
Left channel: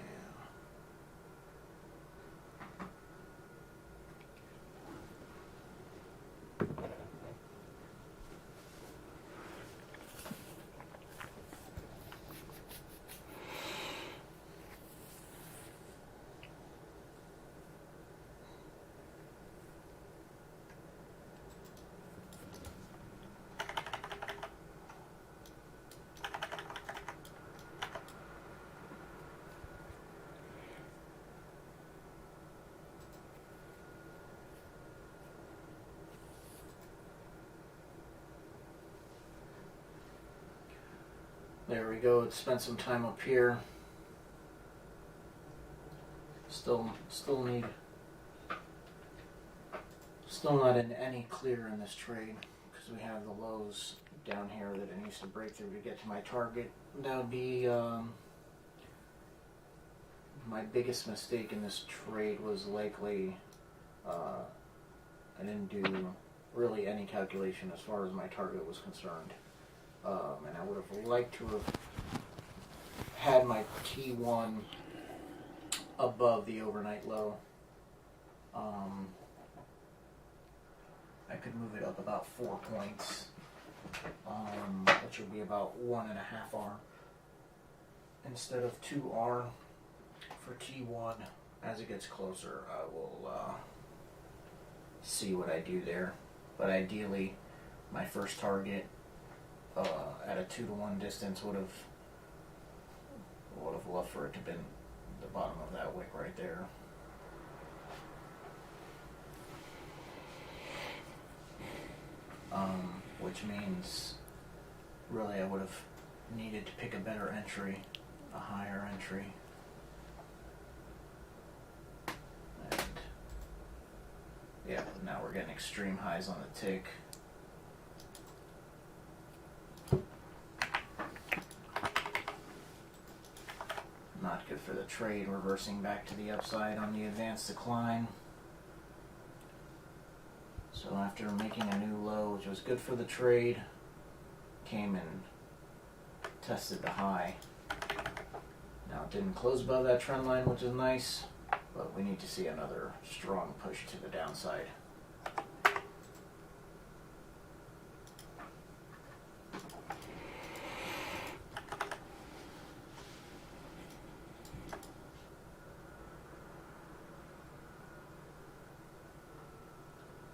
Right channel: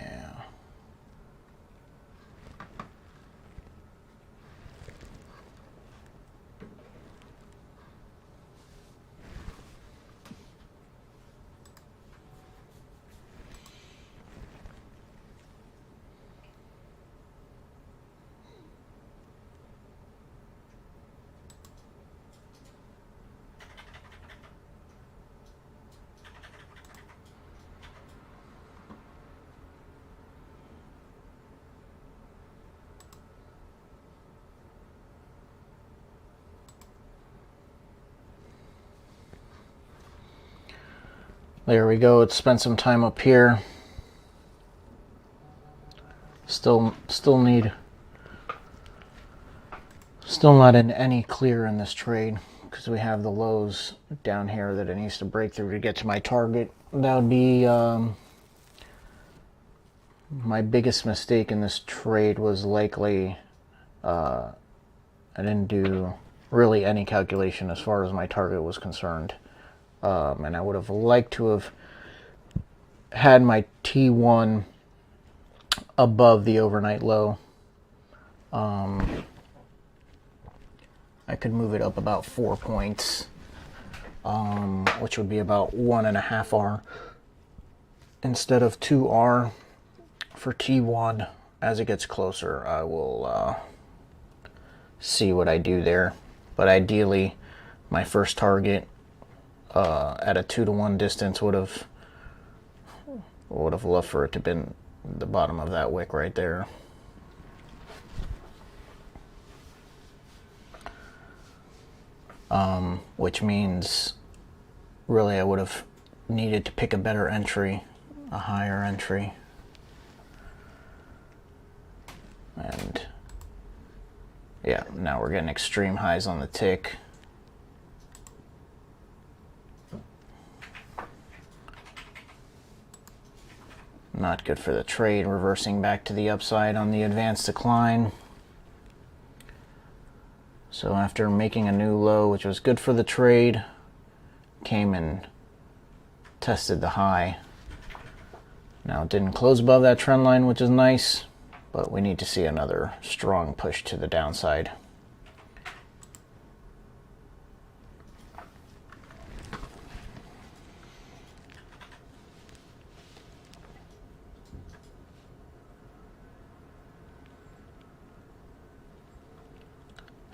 There we go. It spent some time up here. Still not in any clear in this trade, because we have the lows down here that it needs to break through to get to my target. That would be my biggest mistake in this trade was likely I didn't do really any calculation as far as my target was concerned. And I would have liked to have had my T1 above the overnight low. I could move it up about 4 points, which would be about 1.5 R instead of 2 R for T1. As it gets closer, I will see what I do there. But ideally, my first target at a 2-to-1 distance would have loved for it to have been the bottom of that wick right there. Which means really I would have needed to pick a better entry, a higher entry. And yeah, now we're getting extreme highs on the tick. Not good for the trade, reversing back to the upside on the advanced decline. So after making a new low, which was good for the trade, came and tested the high. Now it didn't close above that trend line, which is nice, but we need to see another strong push to the downside.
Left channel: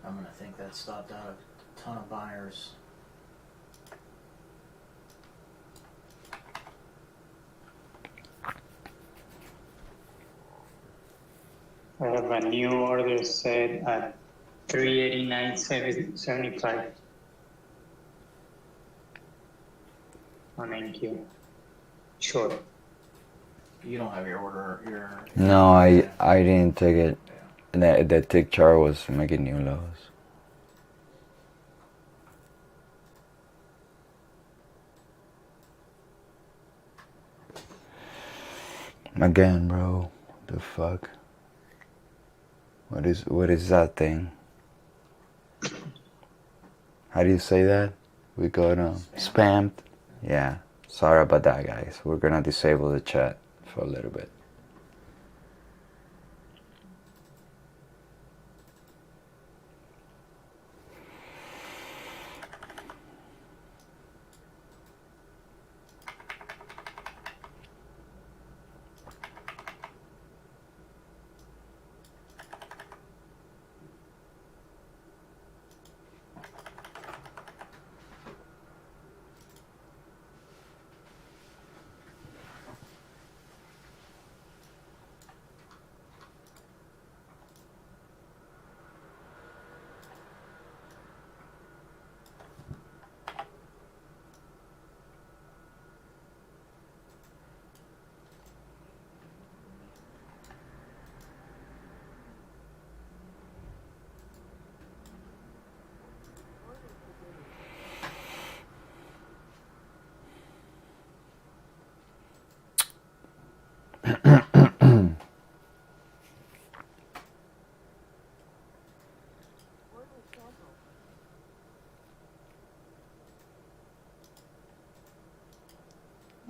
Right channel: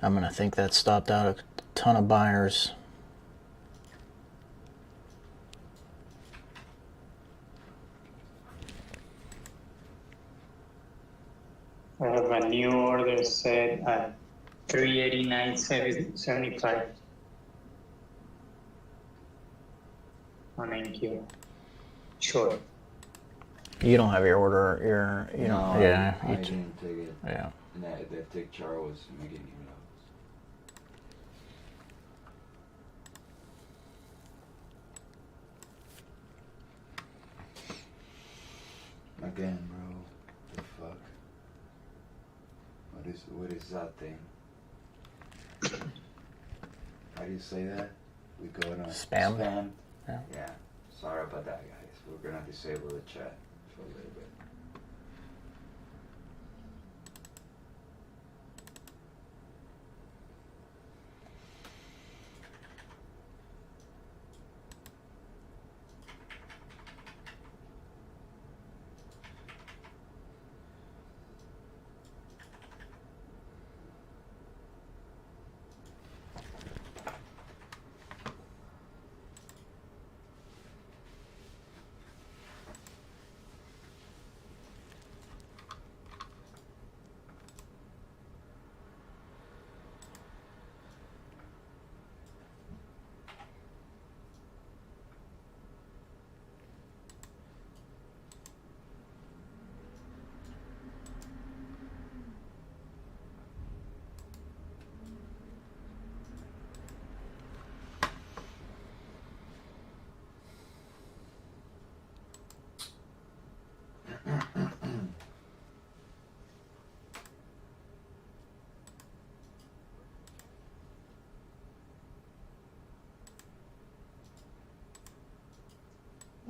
I'm going to think that stopped out a ton of buyers. I have a new order set at 389.75 on NQ. Short. You don't have your order, No, yeah, I didn't take it. yeah. And that tick chart was making new lows. Again, bro. The fuck? What is that thing? How do you say that? We got spammed. Yeah. Sorry about that, guys. We're gonna disable the chat for a little bit.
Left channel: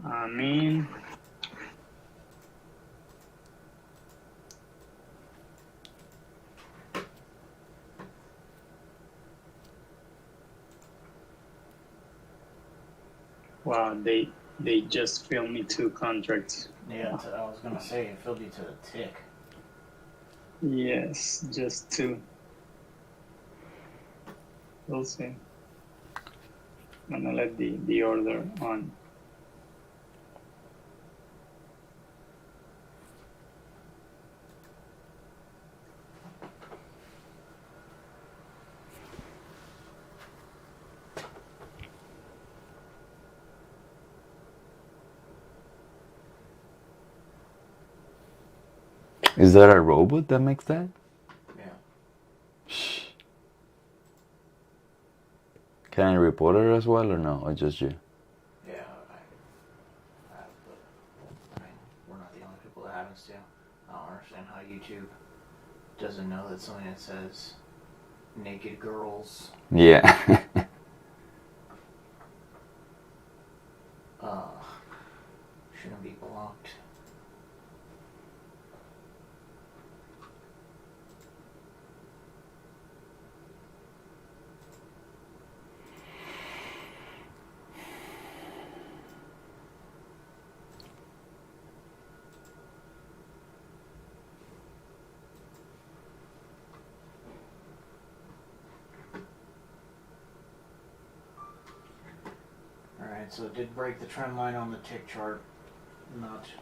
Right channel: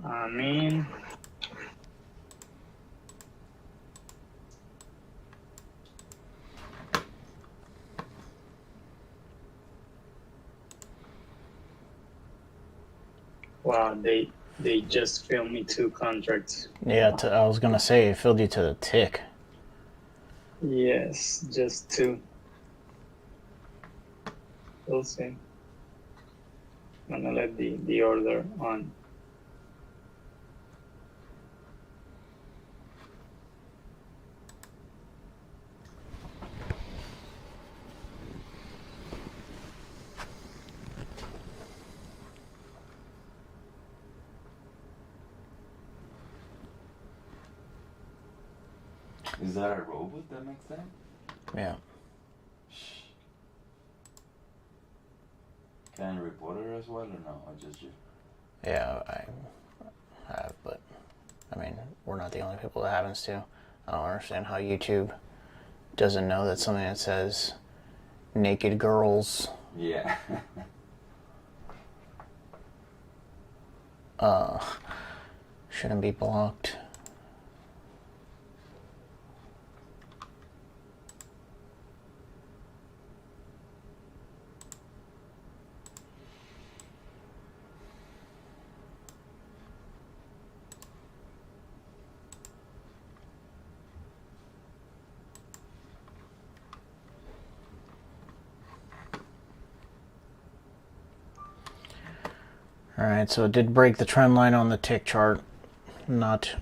I mean, wow, they just filled me 2 contracts. Yeah, I was gonna say it filled you to the tick. Yes, just 2. We'll see. I'm gonna let the order on. Is that a robot that makes that? Yeah. Can I report it as well or no? Or just you? Yeah, I have, but I mean, we're not the only people that happens to. I don't understand how YouTube doesn't know that something that says naked girls Yeah. shouldn't be blocked. Alright, so it did break the trend line on the tick chart,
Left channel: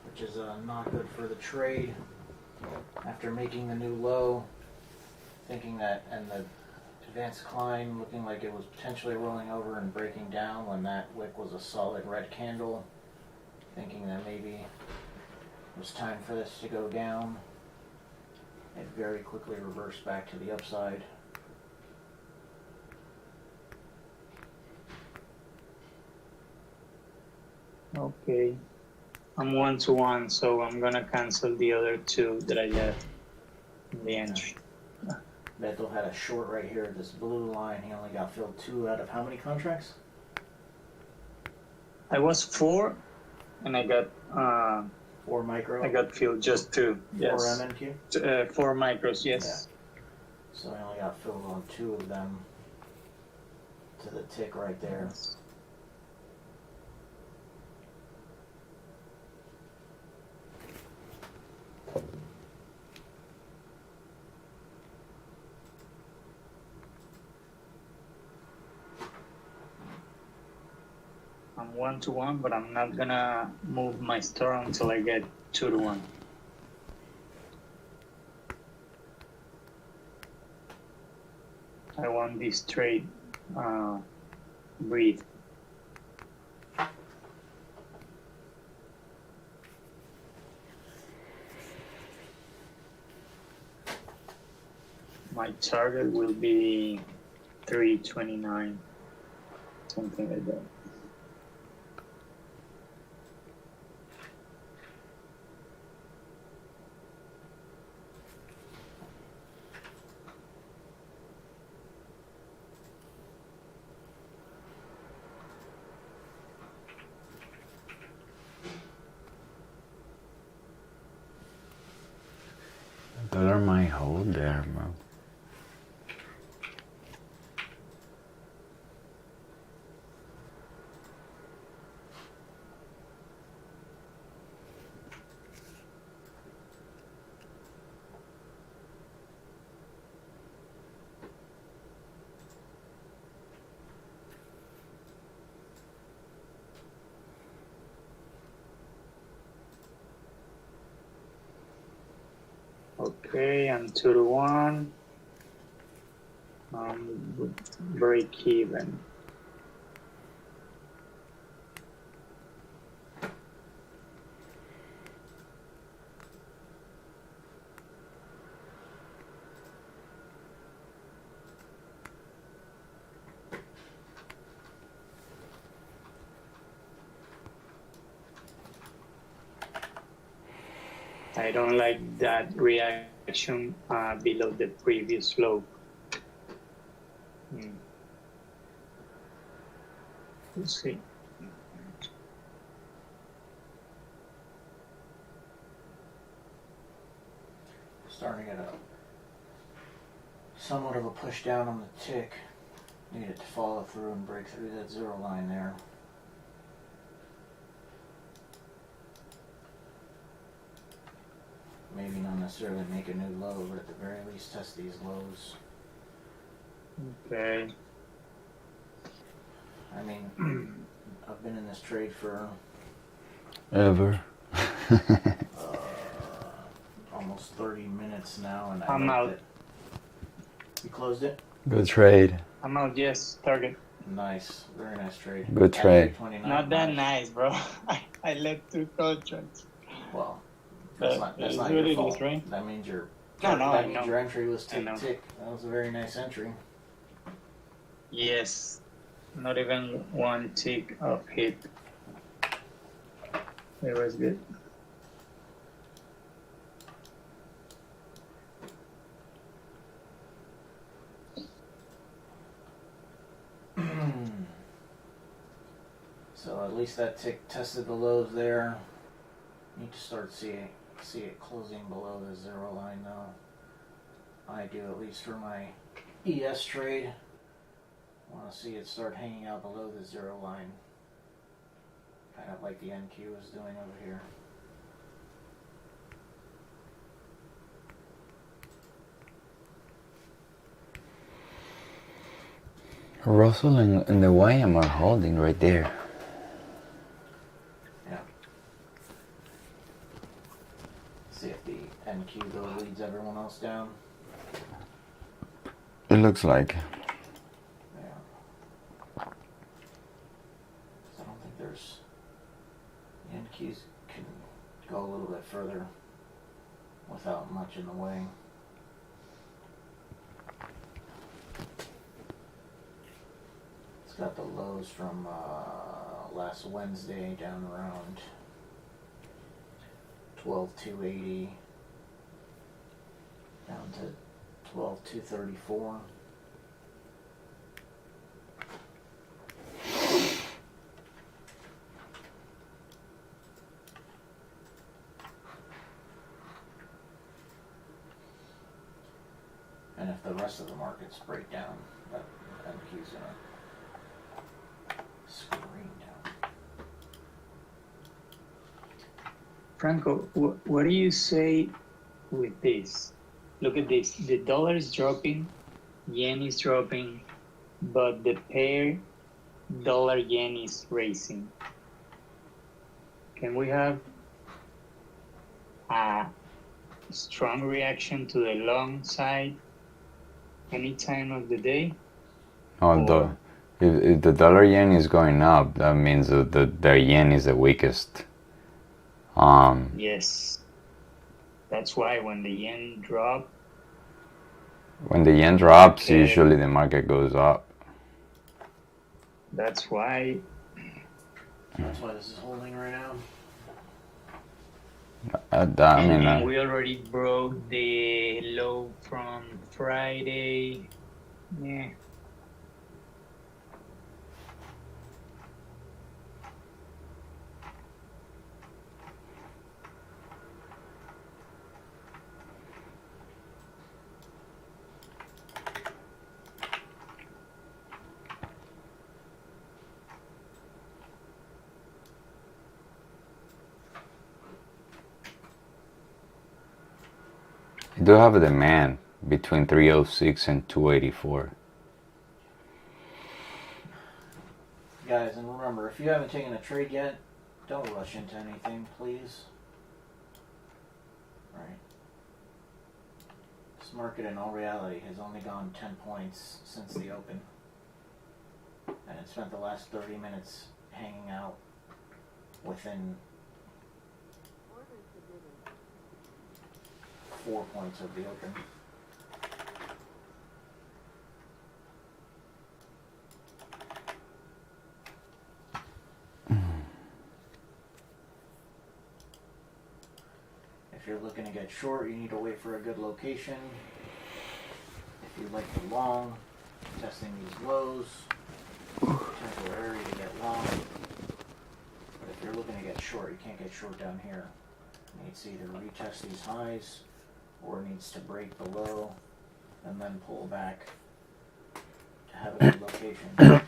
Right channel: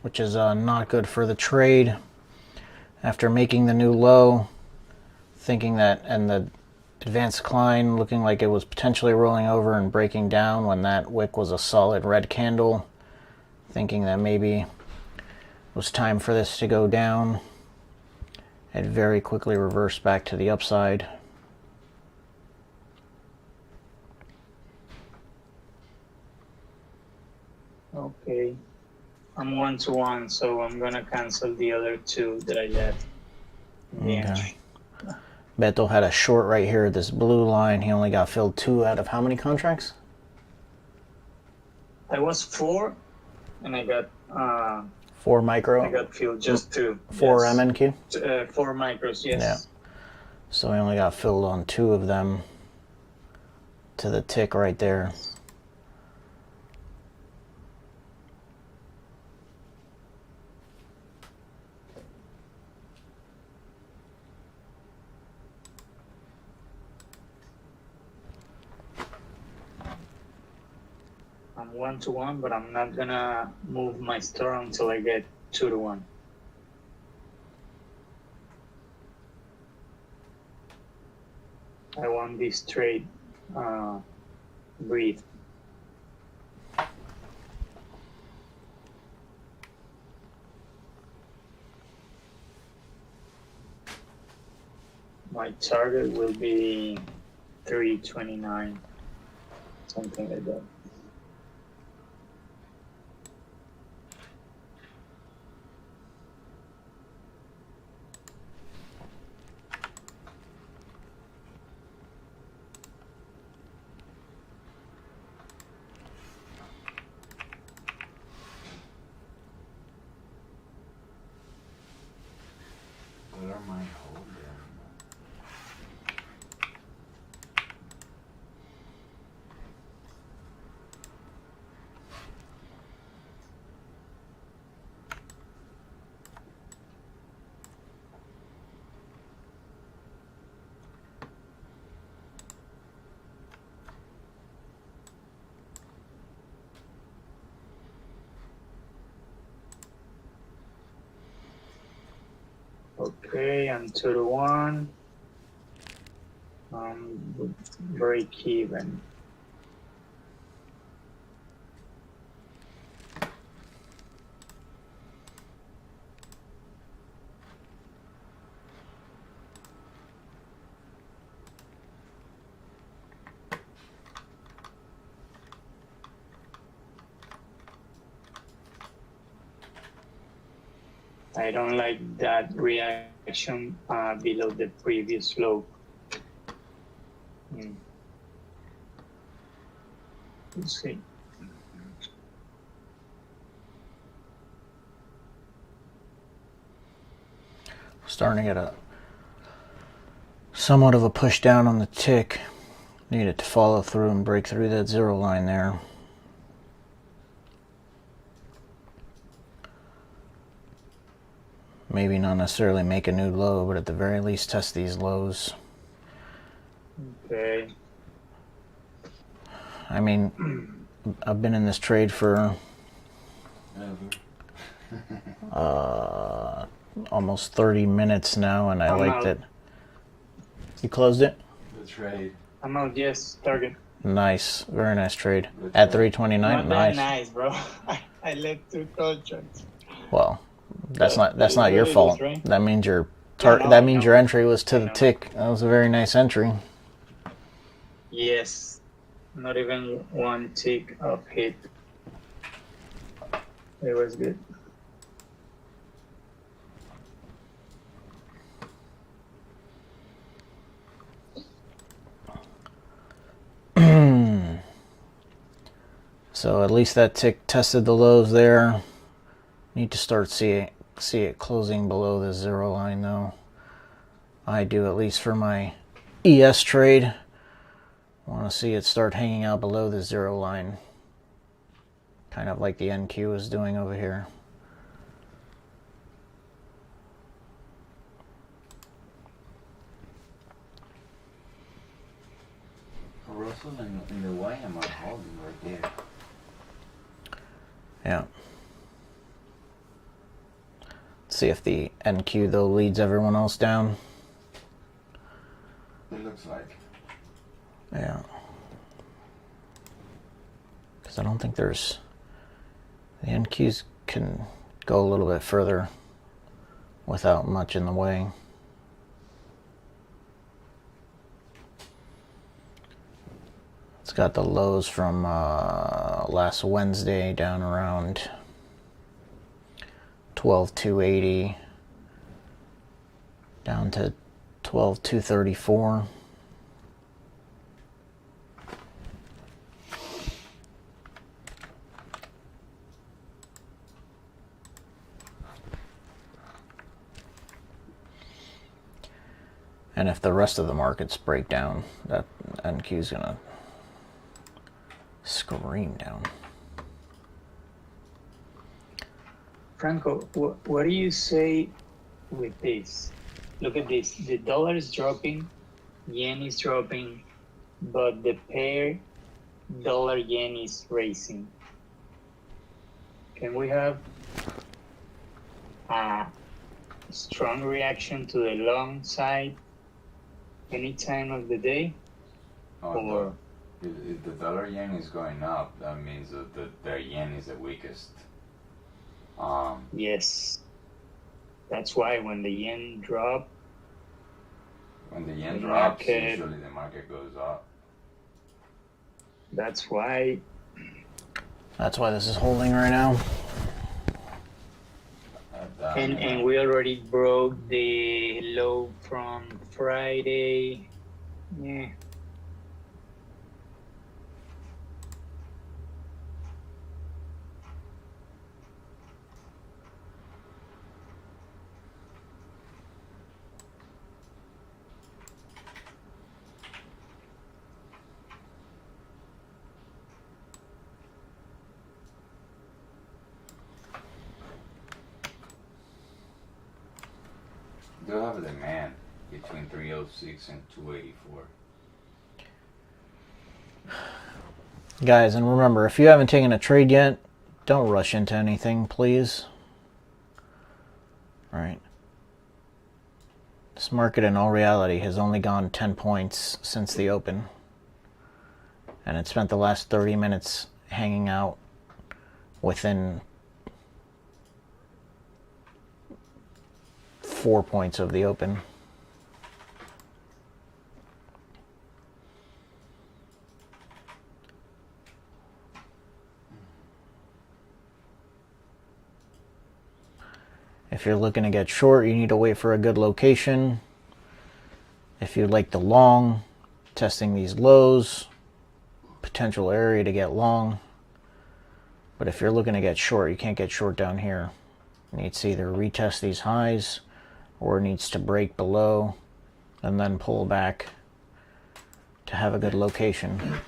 which is not good for the trade. After making the new low, thinking that, and the advanced decline looking like it was potentially rolling over and breaking down when that wick was a solid red candle, thinking that maybe it was time for this to go down. It very quickly reversed back to the upside. Okay. I'm 1-1, so I'm gonna cancel the other 2 that I left in the entry. Beto had a short right here, this blue line. He only got filled 2 out of how many contracts? I was 4, and I got 4 micro. I got filled just 2. 4 yes. MNQ. 4 micros, yes. Yeah. So I only got filled on 2 of them to the tick right there. I'm 1-1, but I'm not gonna move my store until I get 2-1. I want this trade breathe. My target will be 329, something like that. Dollar might hold there, bro. Okay, I'm 2-1. Break even. I don't like that reaction below the previous low. Let's see. Starting to get a somewhat of a push down on the tick. Need it to follow through and break through that 0 line there. Maybe not necessarily make a new low, but at the very least test these lows. Okay. I mean, I've been in this trade for Ever. almost 30 minutes now, and I I'm liked out. it. You closed it? Good trade. I'm out, yes, target. Nice. Very nice trade. Good At trade. 329. Not Nice. that nice, bro. I let 2 contracts. Well, that's But not it your really fault. is, right? That means your Yeah, no, that I means know. your entry was to I the know. tick. That was a very nice entry. Yes. Not even one tick of hit. It was good. So at least that tick tested the lows there. Need to start see it closing below the zero line though. I do, at least for my ES trade. Want to see it start hanging out below the zero line. Kind of like the NQ is doing over here. Russell and the YM are holding right there. Yeah. See if the NQ though leads everyone else down. It looks like. Yeah. Because I don't think there's... The NQs can go a little bit further without much in the way. It's got the lows from last Wednesday down around 12,280 down to 12,234. And if the rest of the markets break down, that NQ is gonna scream down. Franco, what do you say with this? Look at this. The dollar is dropping, yen is dropping, but the pair dollar yen is racing. Can we have a strong reaction to the long side any time of the day? Oh, if the dollar yen is going up, that means that the yen is the weakest. Yes. That's why when the yen drops, when the yen drops, usually the market goes up. That's why this is holding right now. And we already broke the low from Friday. Yeah. You do have a demand between 306 and 284. Guys, and remember, if you haven't taken a trade yet, don't rush into anything, please. All right. This market, in all reality, has only gone 10 points since the open. And it spent the last 30 minutes hanging out within 4 points of the open. If you're looking to get short, you need to wait for a good location. If you like the long, testing these lows, potential area to get long. But if you're looking to get short, you can't get short down here. It needs to either retest these highs or it needs to break below and then pull back to have a good location.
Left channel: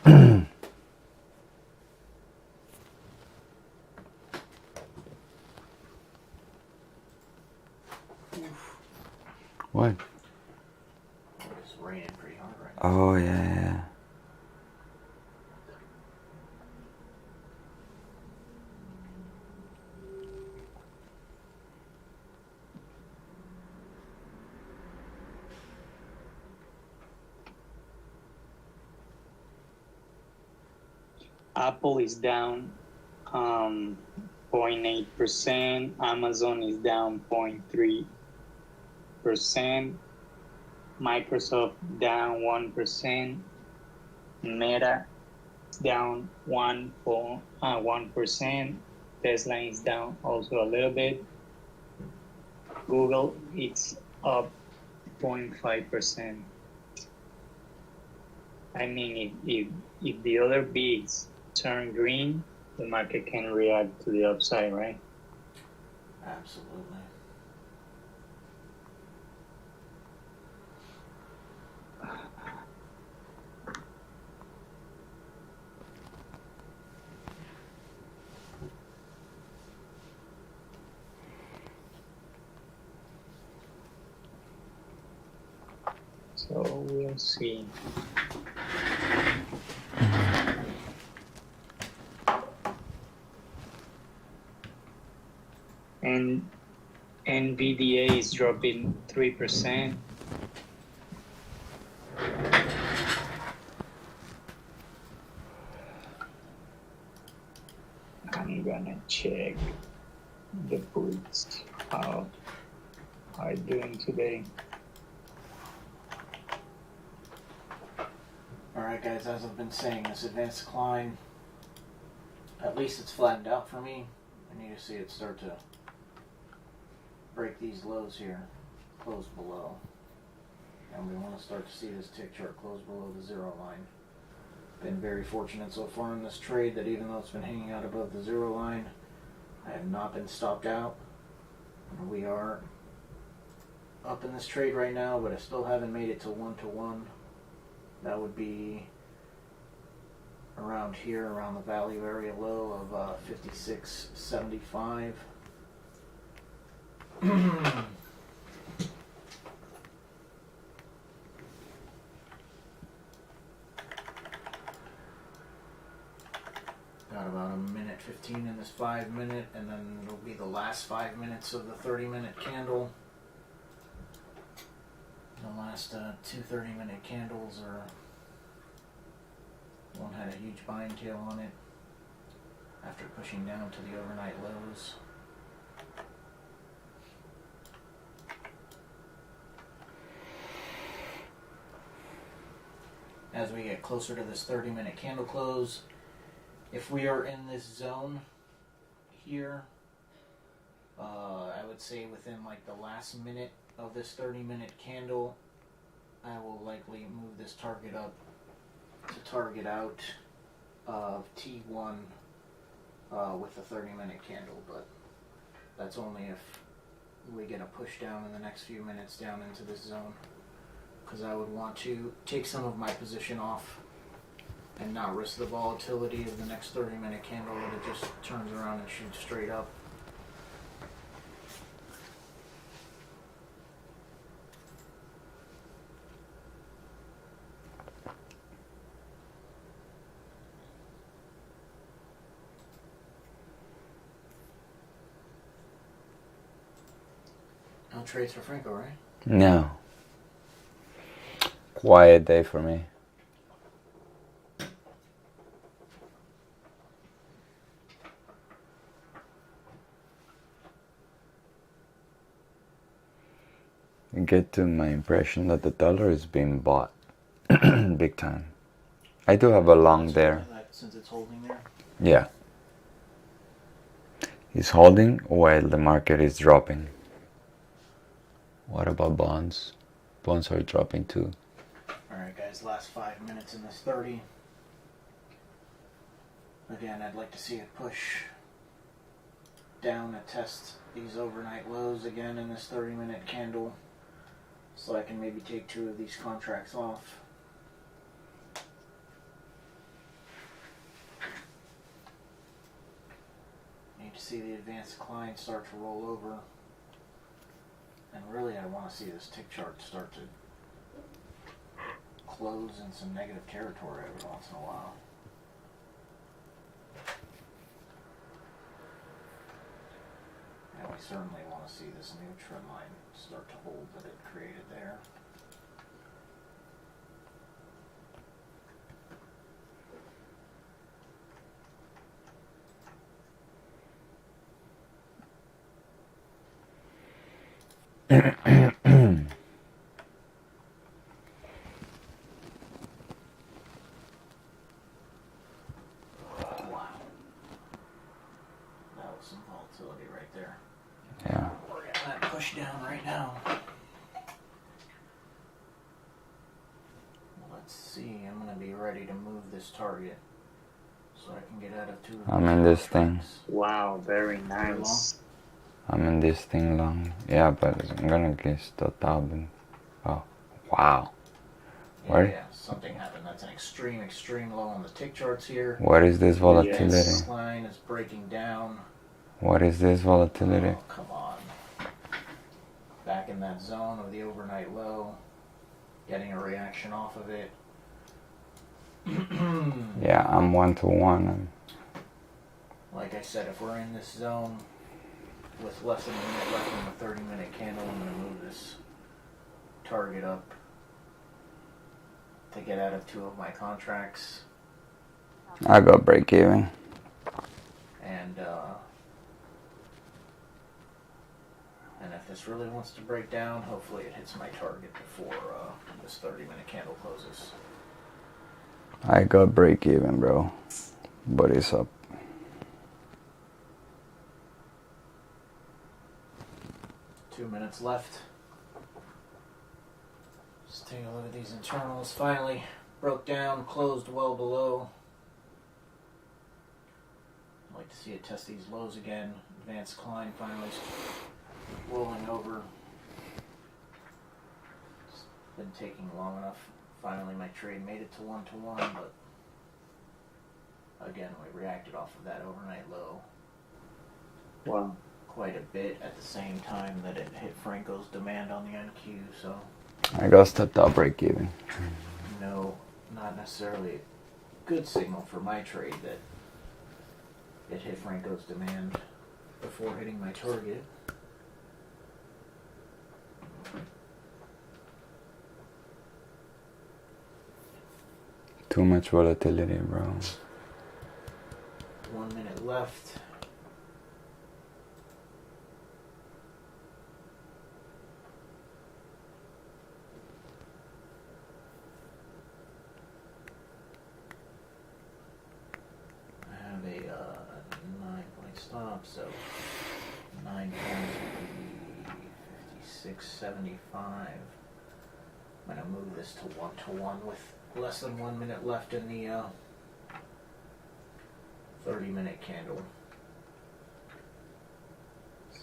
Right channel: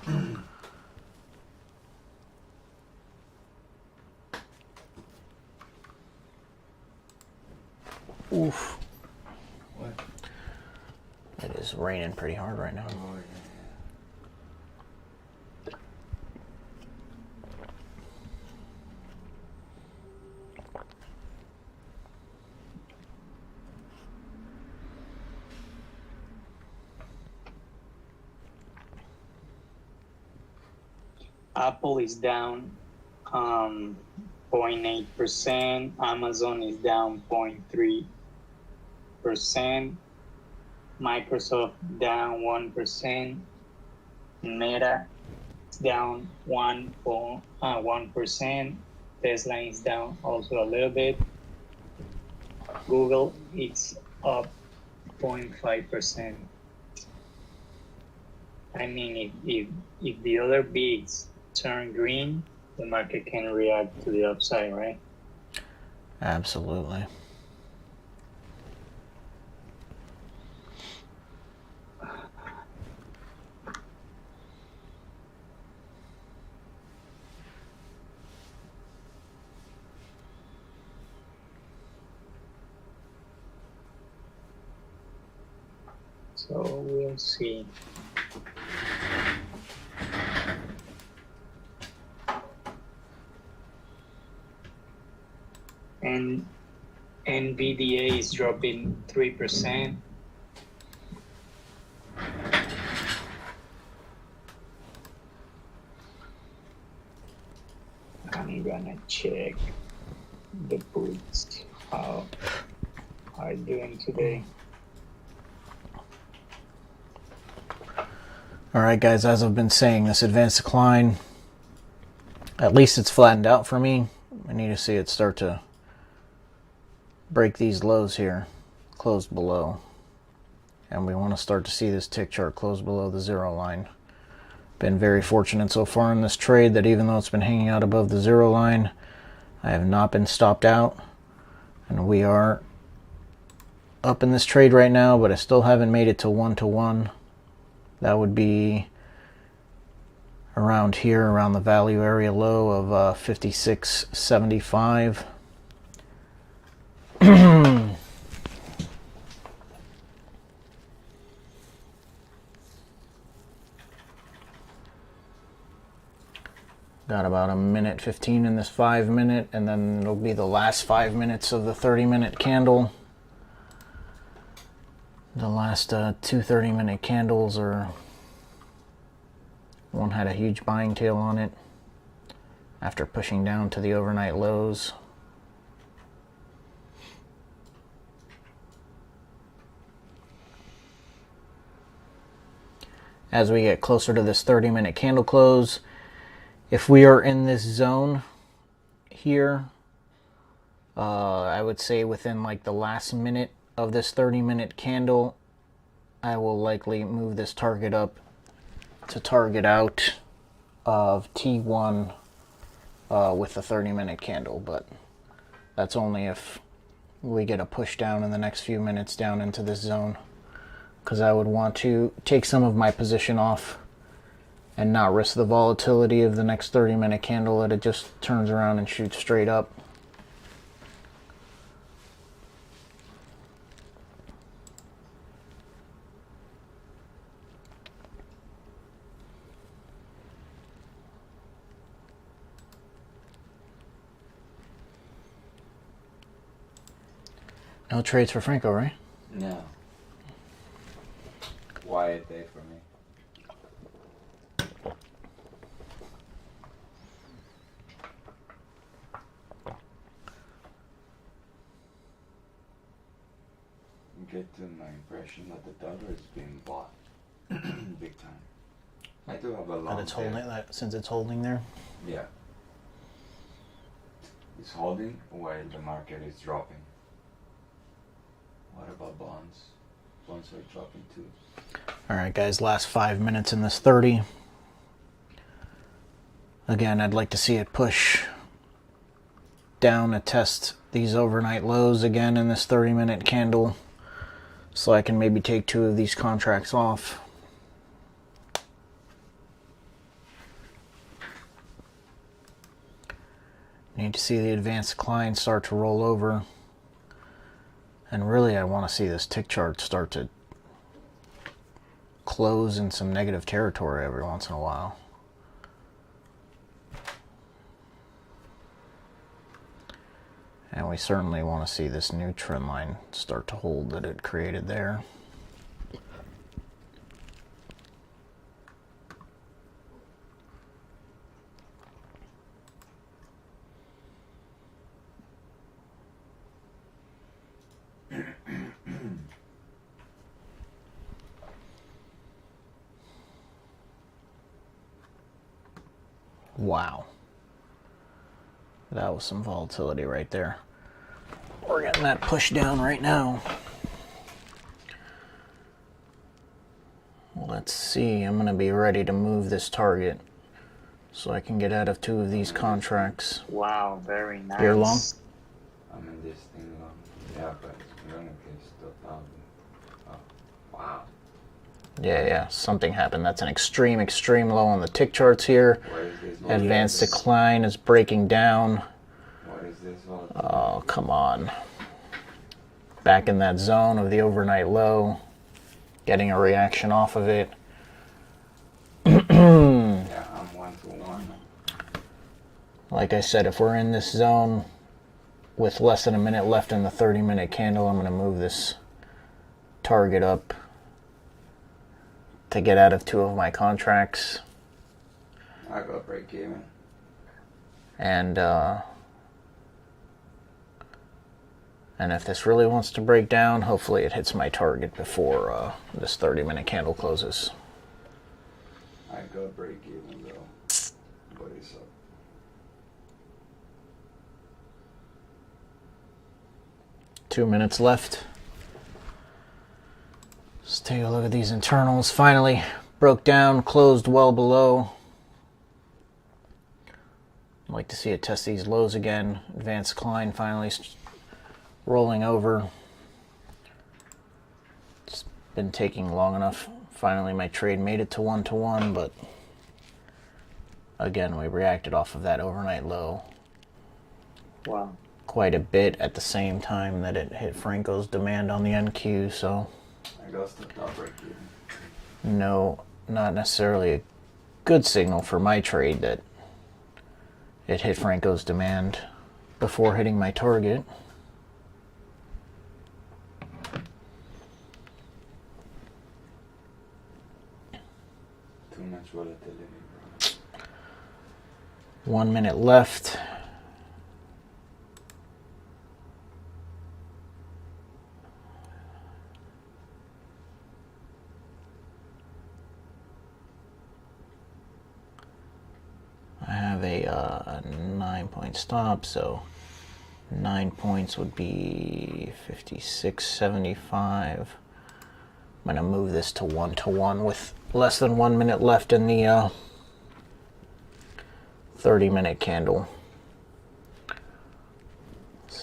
Oof. What? It is raining pretty hard right now. Oh, yeah. Apple is down 0.8%. Amazon is down 0.3%. Microsoft down 1%. Meta it's down 1%. Tesla is down also a little bit. Google, it's up 0.5%. I mean, if the other bigs turn green, the market can react to the upside, right? Absolutely. So we'll see. And NVDA is dropping 3%. I'm gonna check the puts, how are doing today. All right, guys, as I've been saying, this advanced decline, at least it's flattened out for me. I need to see it start to break these lows here, close below. And we want to start to see this tick chart close below the zero line. Been very fortunate so far in this trade that even though it's been hanging out above the zero line, I have not been stopped out. And we are up in this trade right now, but I still haven't made it to 1-to-1. That would be around here, around the value area low of 56.75. Got about a minute 15 in this 5 minute, and then it'll be the last 5 minutes of the 30-minute candle. The last two 30-minute candles are, one had a huge buying tail on it after pushing down to the overnight lows. As we get closer to this 30-minute candle close, if we are in this zone here, I would say within like the last minute of this 30-minute candle, I will likely move this target up to target out of T1 with the 30-minute candle, but that's only if we get a push down in the next few minutes down into this zone, because I would want to take some of my position off and not risk the volatility of the next 30-minute candle that it just turns around and shoots straight up. No trades for Franco, right? No. Quiet day for me. I get to my impression that the dollar is being bought big time. I do have a long there. Since it's holding there. Yeah. It's holding while the market is dropping. What about bonds? Bonds are dropping too. All right, guys, last 5 minutes in this 30. Again, I'd like to see it push down to test these overnight lows again in this 30-minute candle, so I can maybe take two of these contracts off. Need to see the advanced decline start to roll over. And really, I want to see this tick chart start to close in some negative territory every once in a while. And we certainly want to see this new trend line start to hold that it created there. Wow. That was some volatility right there. Yeah. We're getting that pushed down right now. Let's see. I'm going to be ready to move this target so I can get out of 2 of these I'm in this thing. contracts. Wow, very nice. You're long? I'm in this thing long. Yeah, but I'm gonna get stopped out. Oh, wow. Yeah, Right. yeah. Something happened. That's an extreme low on the tick charts here. What is this Advanced volatility? decline is breaking down. What is this volatility? Oh, come on. Back in that zone of the overnight low. Getting a reaction off of it. Yeah, I'm 1-to-1. Like I said, if we're in this zone with less than a minute left in the 30-minute candle, I'm going to move this target up to get out of 2 of my contracts. I got break even. And if this really wants to break down, hopefully it hits my target before this 30-minute candle closes. I got break even, bro. But it's up. Two minutes left. Let's take a look at these internals. Finally broke down, closed well below. I'd like to see it test these lows again. Advanced decline finally rolling over. It's been taking long enough. Finally my trade made it to 1-to-1, but again we reacted off of that overnight low. Wow. Quite a bit at the same time that it hit Franco's demand on the NQ, so I got stopped out break even. no, not necessarily a good signal for my trade that it hit Franco's demand before hitting my target. Too much volatility, bro. 1 minute left. I have a 9-point stop, so 9 points would be 56.75. I'm going to move this to 1-to-1 with less than 1 minute left in the 30-minute candle.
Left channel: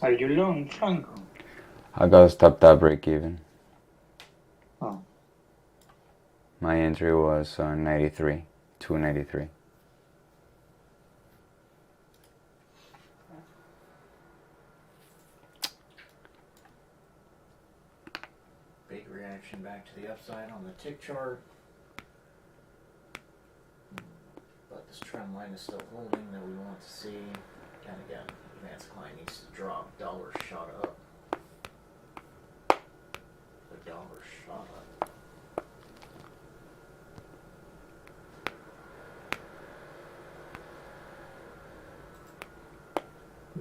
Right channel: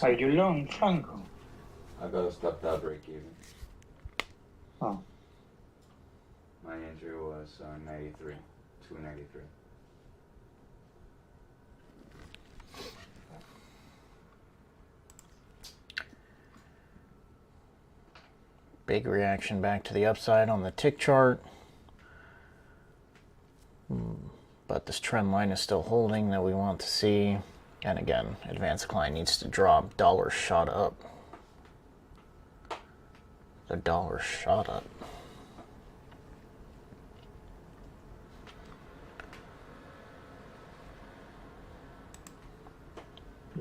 Are you long, Franco? I got stopped out break even. Oh, My entry was 93, 293. Big reaction back to the upside on the tick chart. But this trend line is still holding that we want to see. And again, advanced decline needs to drop. Dollar shot up. The dollar shot up.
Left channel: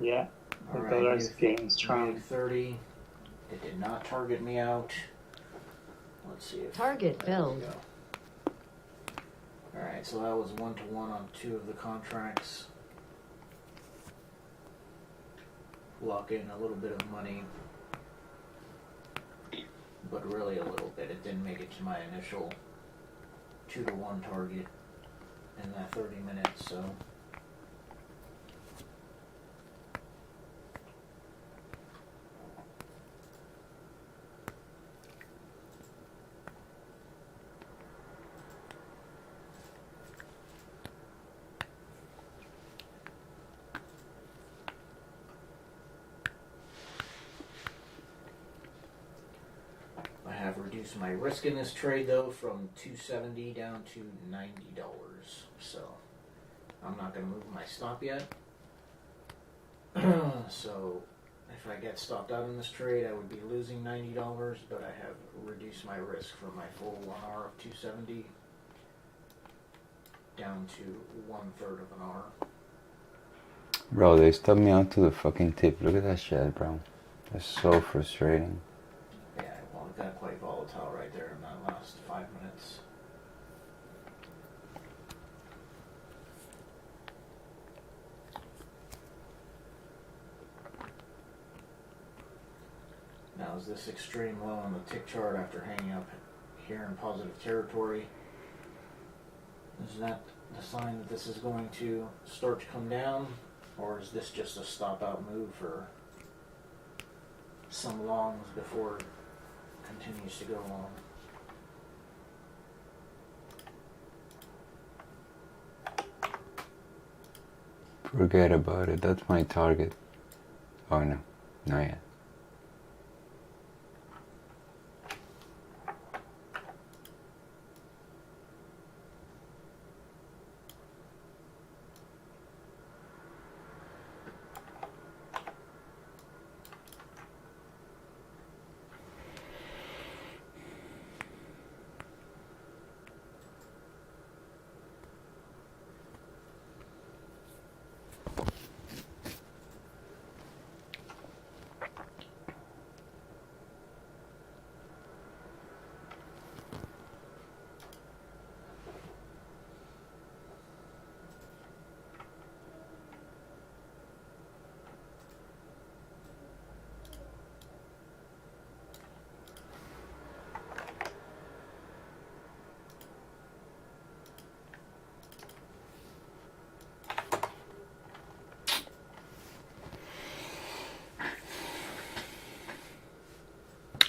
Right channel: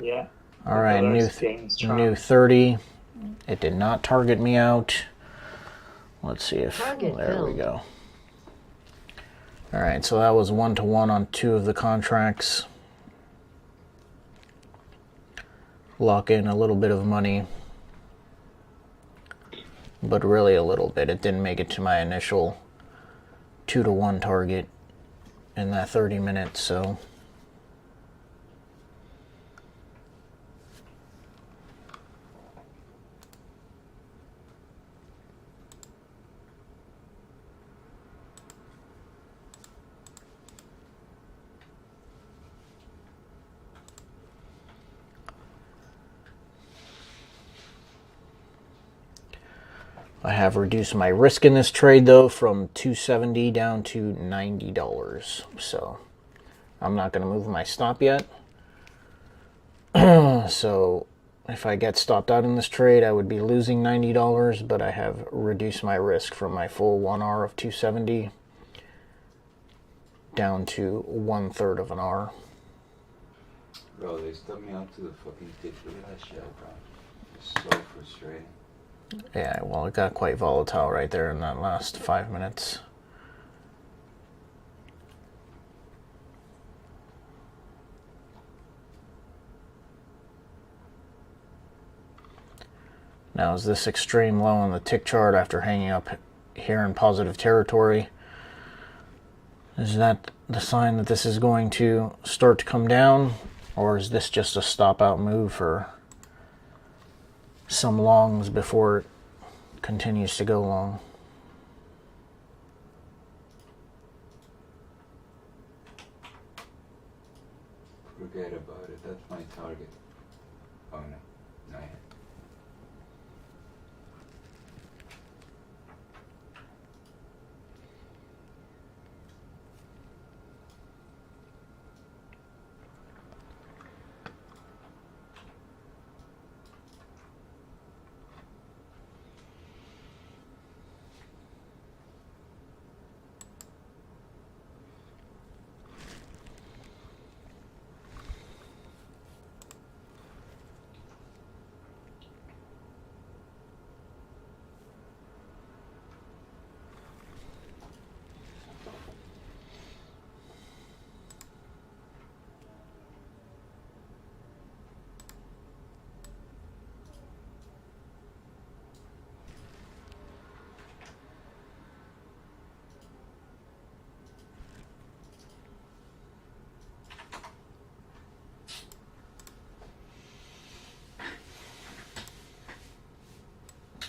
yeah. All right, new 30. It did not target me out. Let's see if Target there filled. we go. All right, so that was 1-to-1 on 2 of the contracts. Lock in a little bit of money, but really a little bit. It didn't make it to my initial 2-to-1 target in that 30 minutes, so I have reduced my risk in this trade though from $270 down to $90. So I'm not going to move my stop yet. So if I get stopped out in this trade, I would be losing $90, but I have reduced my risk from my full 1 R of 270 down to 1/3 of an R. Bro, they stopped me out to the fucking tip. Look at that shit, bro. That's so frustrating. Yeah, well, it got quite volatile right there in that last 5 minutes. Now, is this extreme low on the tick chart after hanging up here in positive territory? Is that the sign that this is going to start to come down? Or is this just a stop out move for some longs before it continues to go long? Forget about it. That's my target. Oh no, not yet.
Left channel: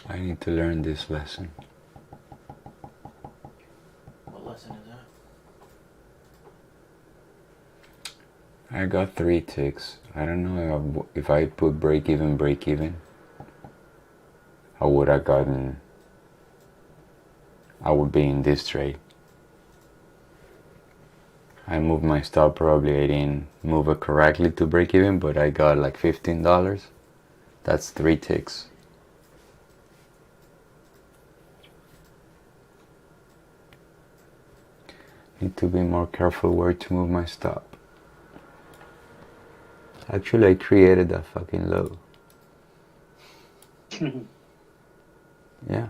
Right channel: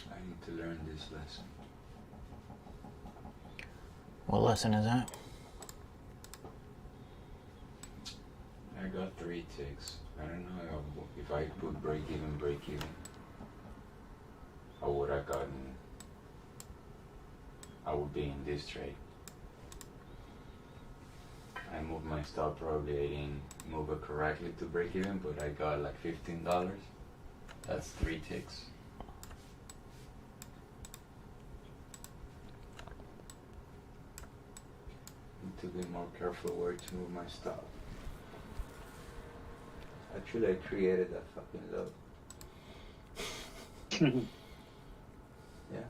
I need to learn this lesson. What lesson is that? I got 3 ticks. I don't know if I put break even, I would have gotten, I would be in this trade. I moved my stop, probably I didn't move it correctly to break even, but I got like $15. That's 3 ticks. Need to be more careful where to move my stop. Actually, I created that fucking low. Yeah.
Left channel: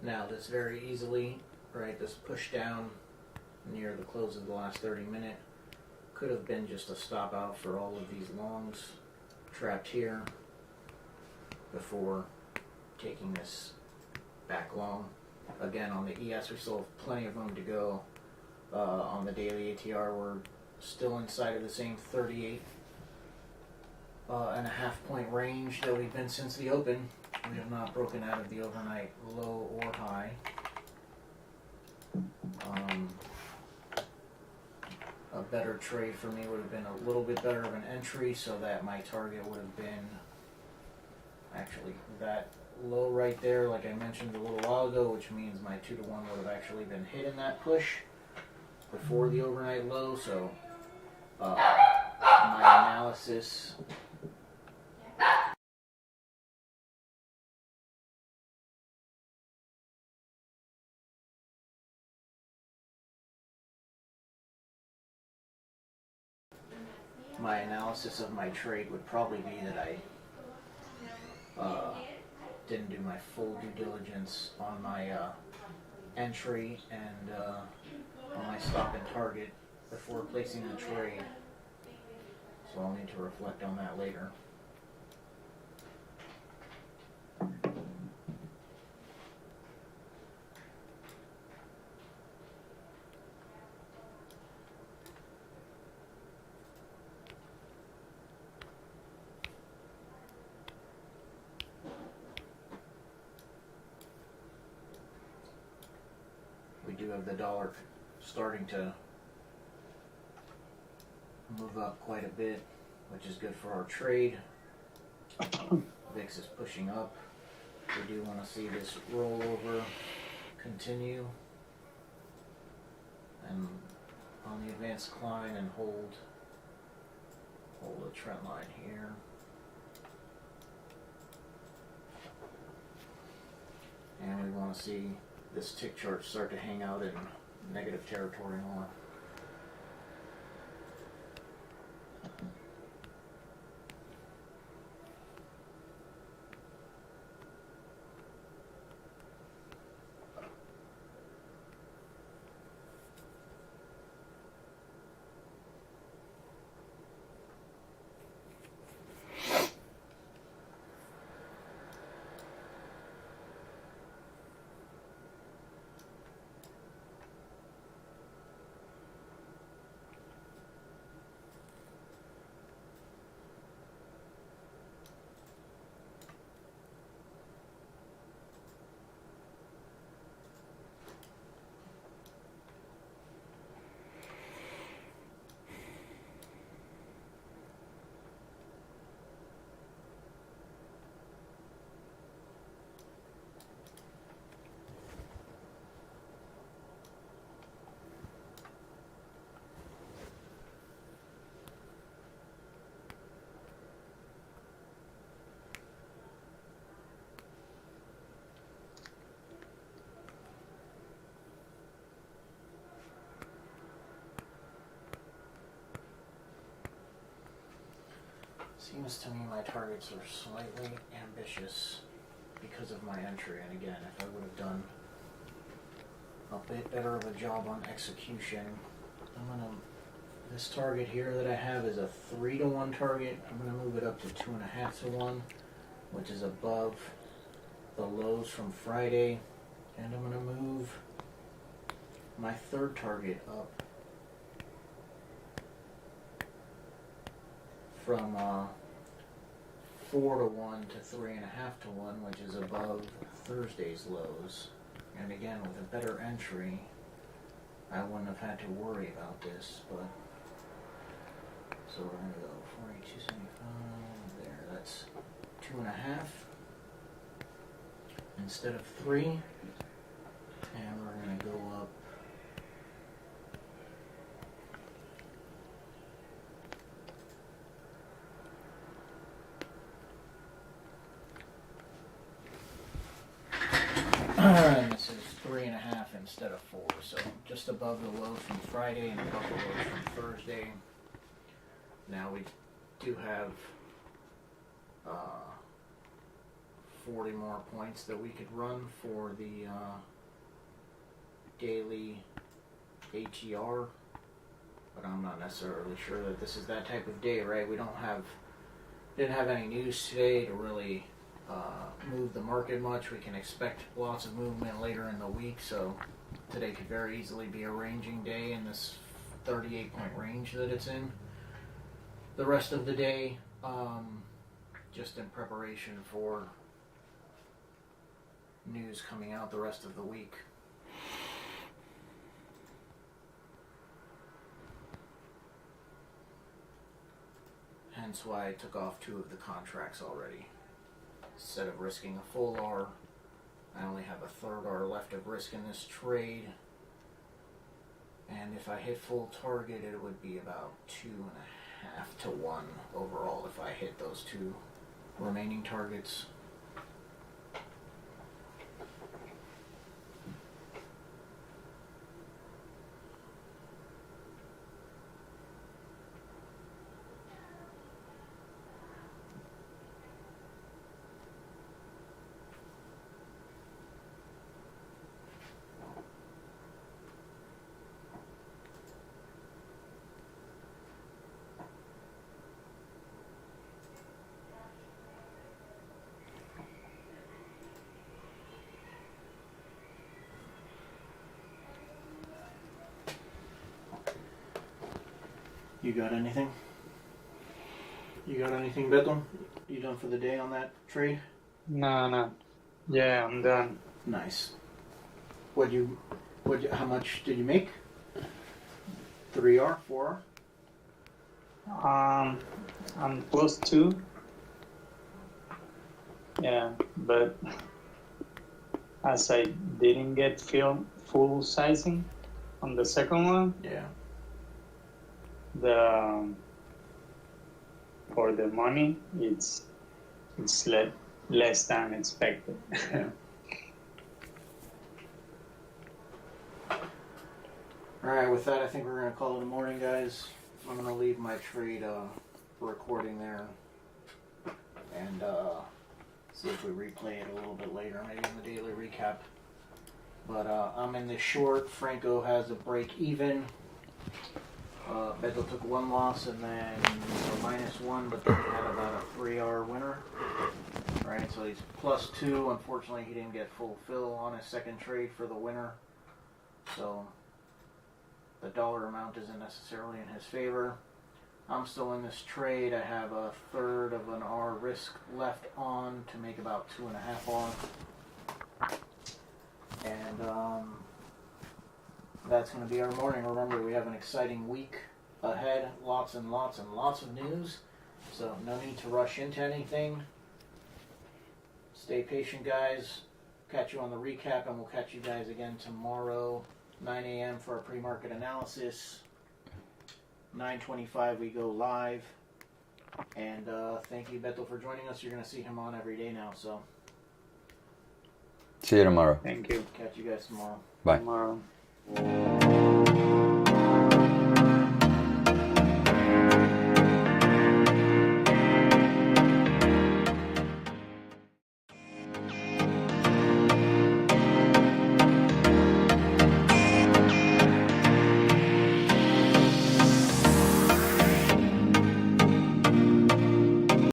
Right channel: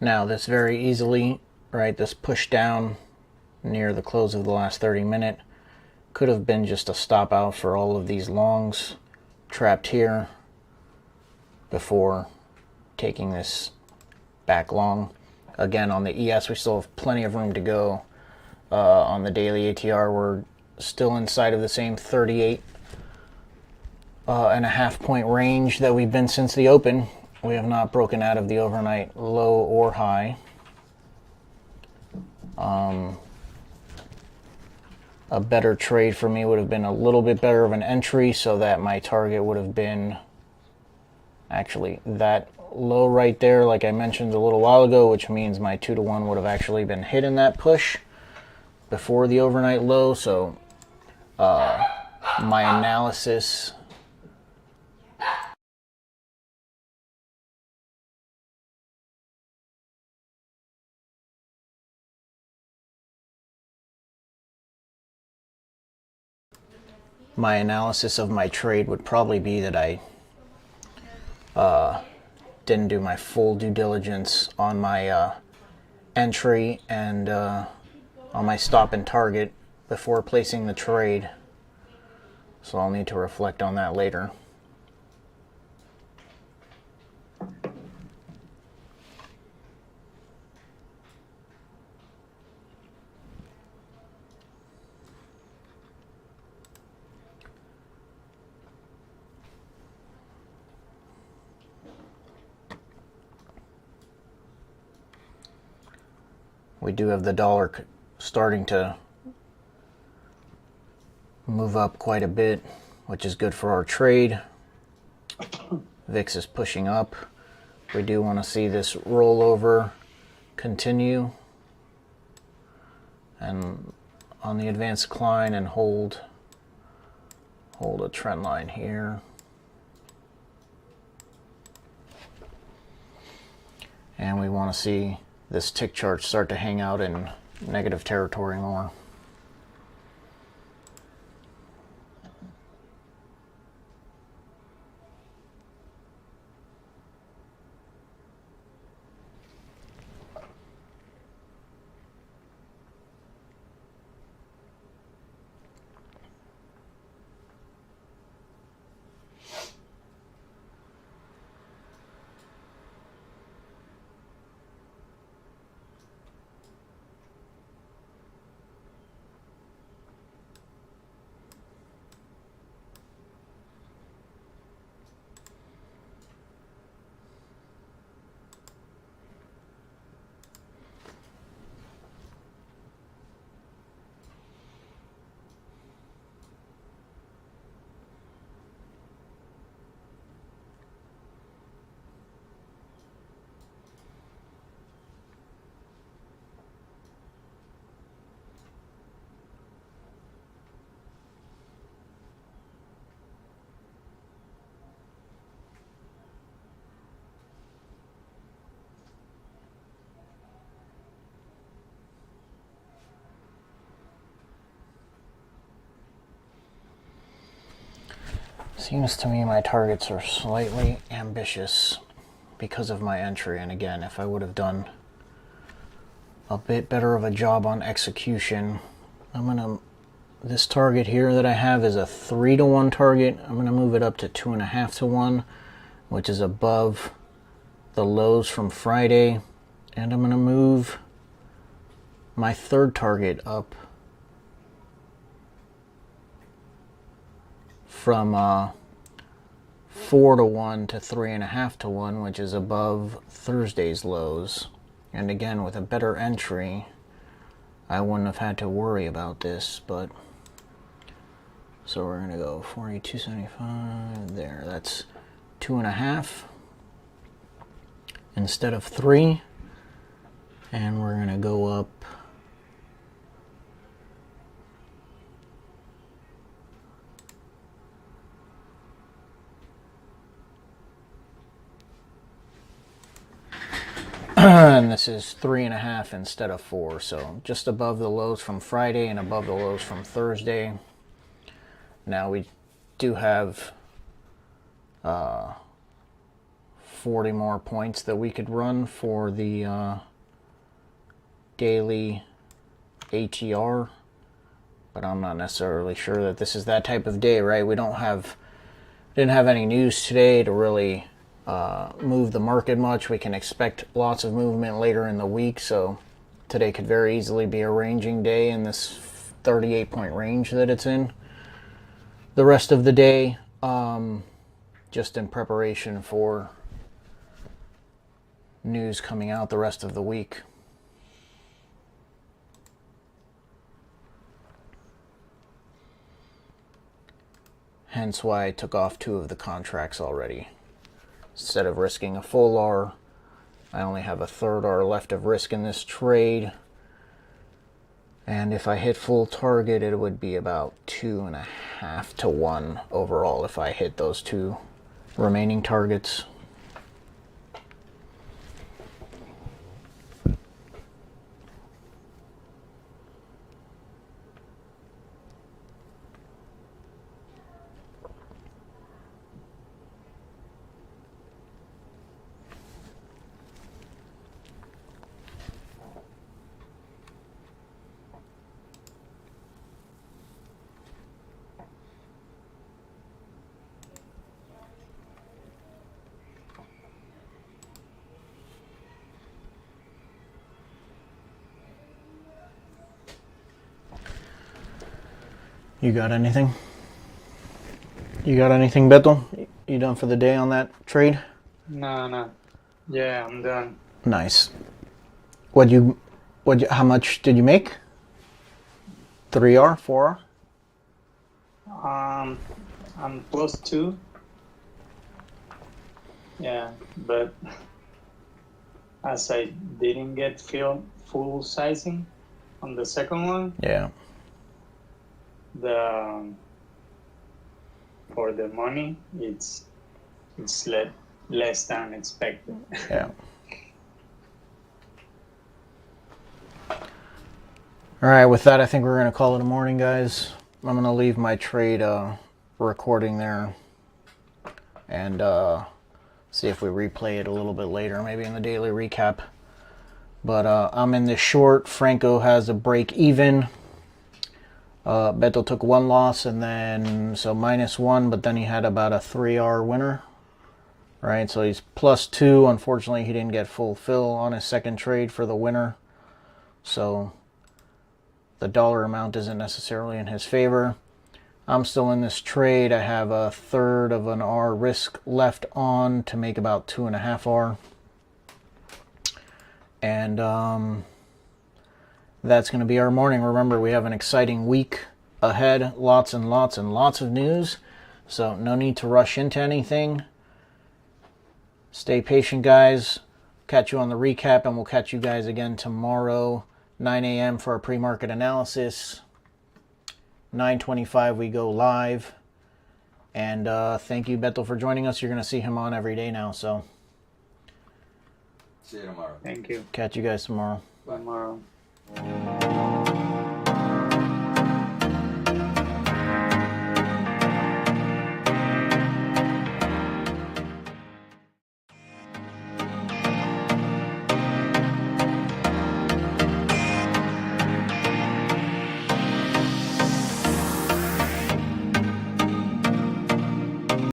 Now, this very easily, right, this push down near the close of the last 30 minute could have been just a stop out for all of these longs trapped here before taking this back long. Again, on the ES, we still have plenty of room to go. On the daily ATR, we're still inside of the same 38 and a half point range that we've been since the open. We have not broken out of the overnight low or high. A better trade for me would have been a little bit better of an entry, so that my target would have been actually that low right there, like I mentioned a little while ago, which means my 2-to-1 would have actually been hit in that push before the overnight low. So my analysis of my trade would probably be that I didn't do my full due diligence on my entry and on my stop and target before placing the trade. So I'll need to reflect on that later. We do have the dollar starting to move up quite a bit, which is good for our trade. VIX is pushing up. We do want to see this rollover continue and on the advanced decline and hold a trend line here. And we want to see this tick chart start to hang out in negative territory more. Seems to me my targets are slightly ambitious because of my entry. And again, if I would have done a bit better of a job on execution, this target here that I have is a 3-to-1 target. I'm gonna move it up to 2.5-to-1, which is above the lows from Friday. And I'm gonna move my third target up from 4-to-1 to 3.5-to-1, which is above Thursday's lows. And again, with a better entry, I wouldn't have had to worry about this. But so we're gonna go 42.75 there. That's 2.5 instead of 3, and we're gonna go up and this is 3.5 instead of 4, so just above the lows from Friday and above the lows from Thursday. Now we do have 40 more points that we could run for the daily ATR, but I'm not necessarily sure that this is that type of day, right? We didn't have any news today to really move the market much. We can expect lots of movement later in the week, so today could very easily be a ranging day in this 38-point range that it's in. The rest of the day, just in preparation for news coming out the rest of the week. Hence why I took off 2 of the contracts already. Instead of risking a full R, I only have a third R left of risk in this trade. And if I hit full target, it would be about 2.5-to-1 overall if I hit those 2 remaining targets. You got anything? You got anything, Beto? You done for the day on that trade? No. Yeah, I'm done. Nice. How much did you make? 3R, 4R? I'm +2. Yeah, but as I didn't get full sizing on the second one, Yeah. For the money, it's less than expected. Yeah. All right, with that, I think we're going to call it a morning, guys. I'm going to leave my trade recording there and see if we replay it a little bit later, maybe in the daily recap. But I'm in this short. Franco has a break even. Beto took one loss and then, so -1, but then he had about a 3R winner. Right, so he's +2. Unfortunately, he didn't get full fill on his second trade for the winner. So the dollar amount isn't necessarily in his favor. I'm still in this trade. I have a third of an R risk left on to make about 2.5 R. And that's going to be our morning. Remember, we have an exciting week ahead. Lots and lots and lots of news. So no need to rush into anything. Stay patient, guys. Catch you on the recap, and we'll catch you guys again tomorrow, 9 a.m. for our pre-market analysis. 9:25 we go live. And thank you, Beto, for joining us. You're going to see him on every day now. So See you tomorrow. Thank you. catch you guys tomorrow. Bye. Tomorrow.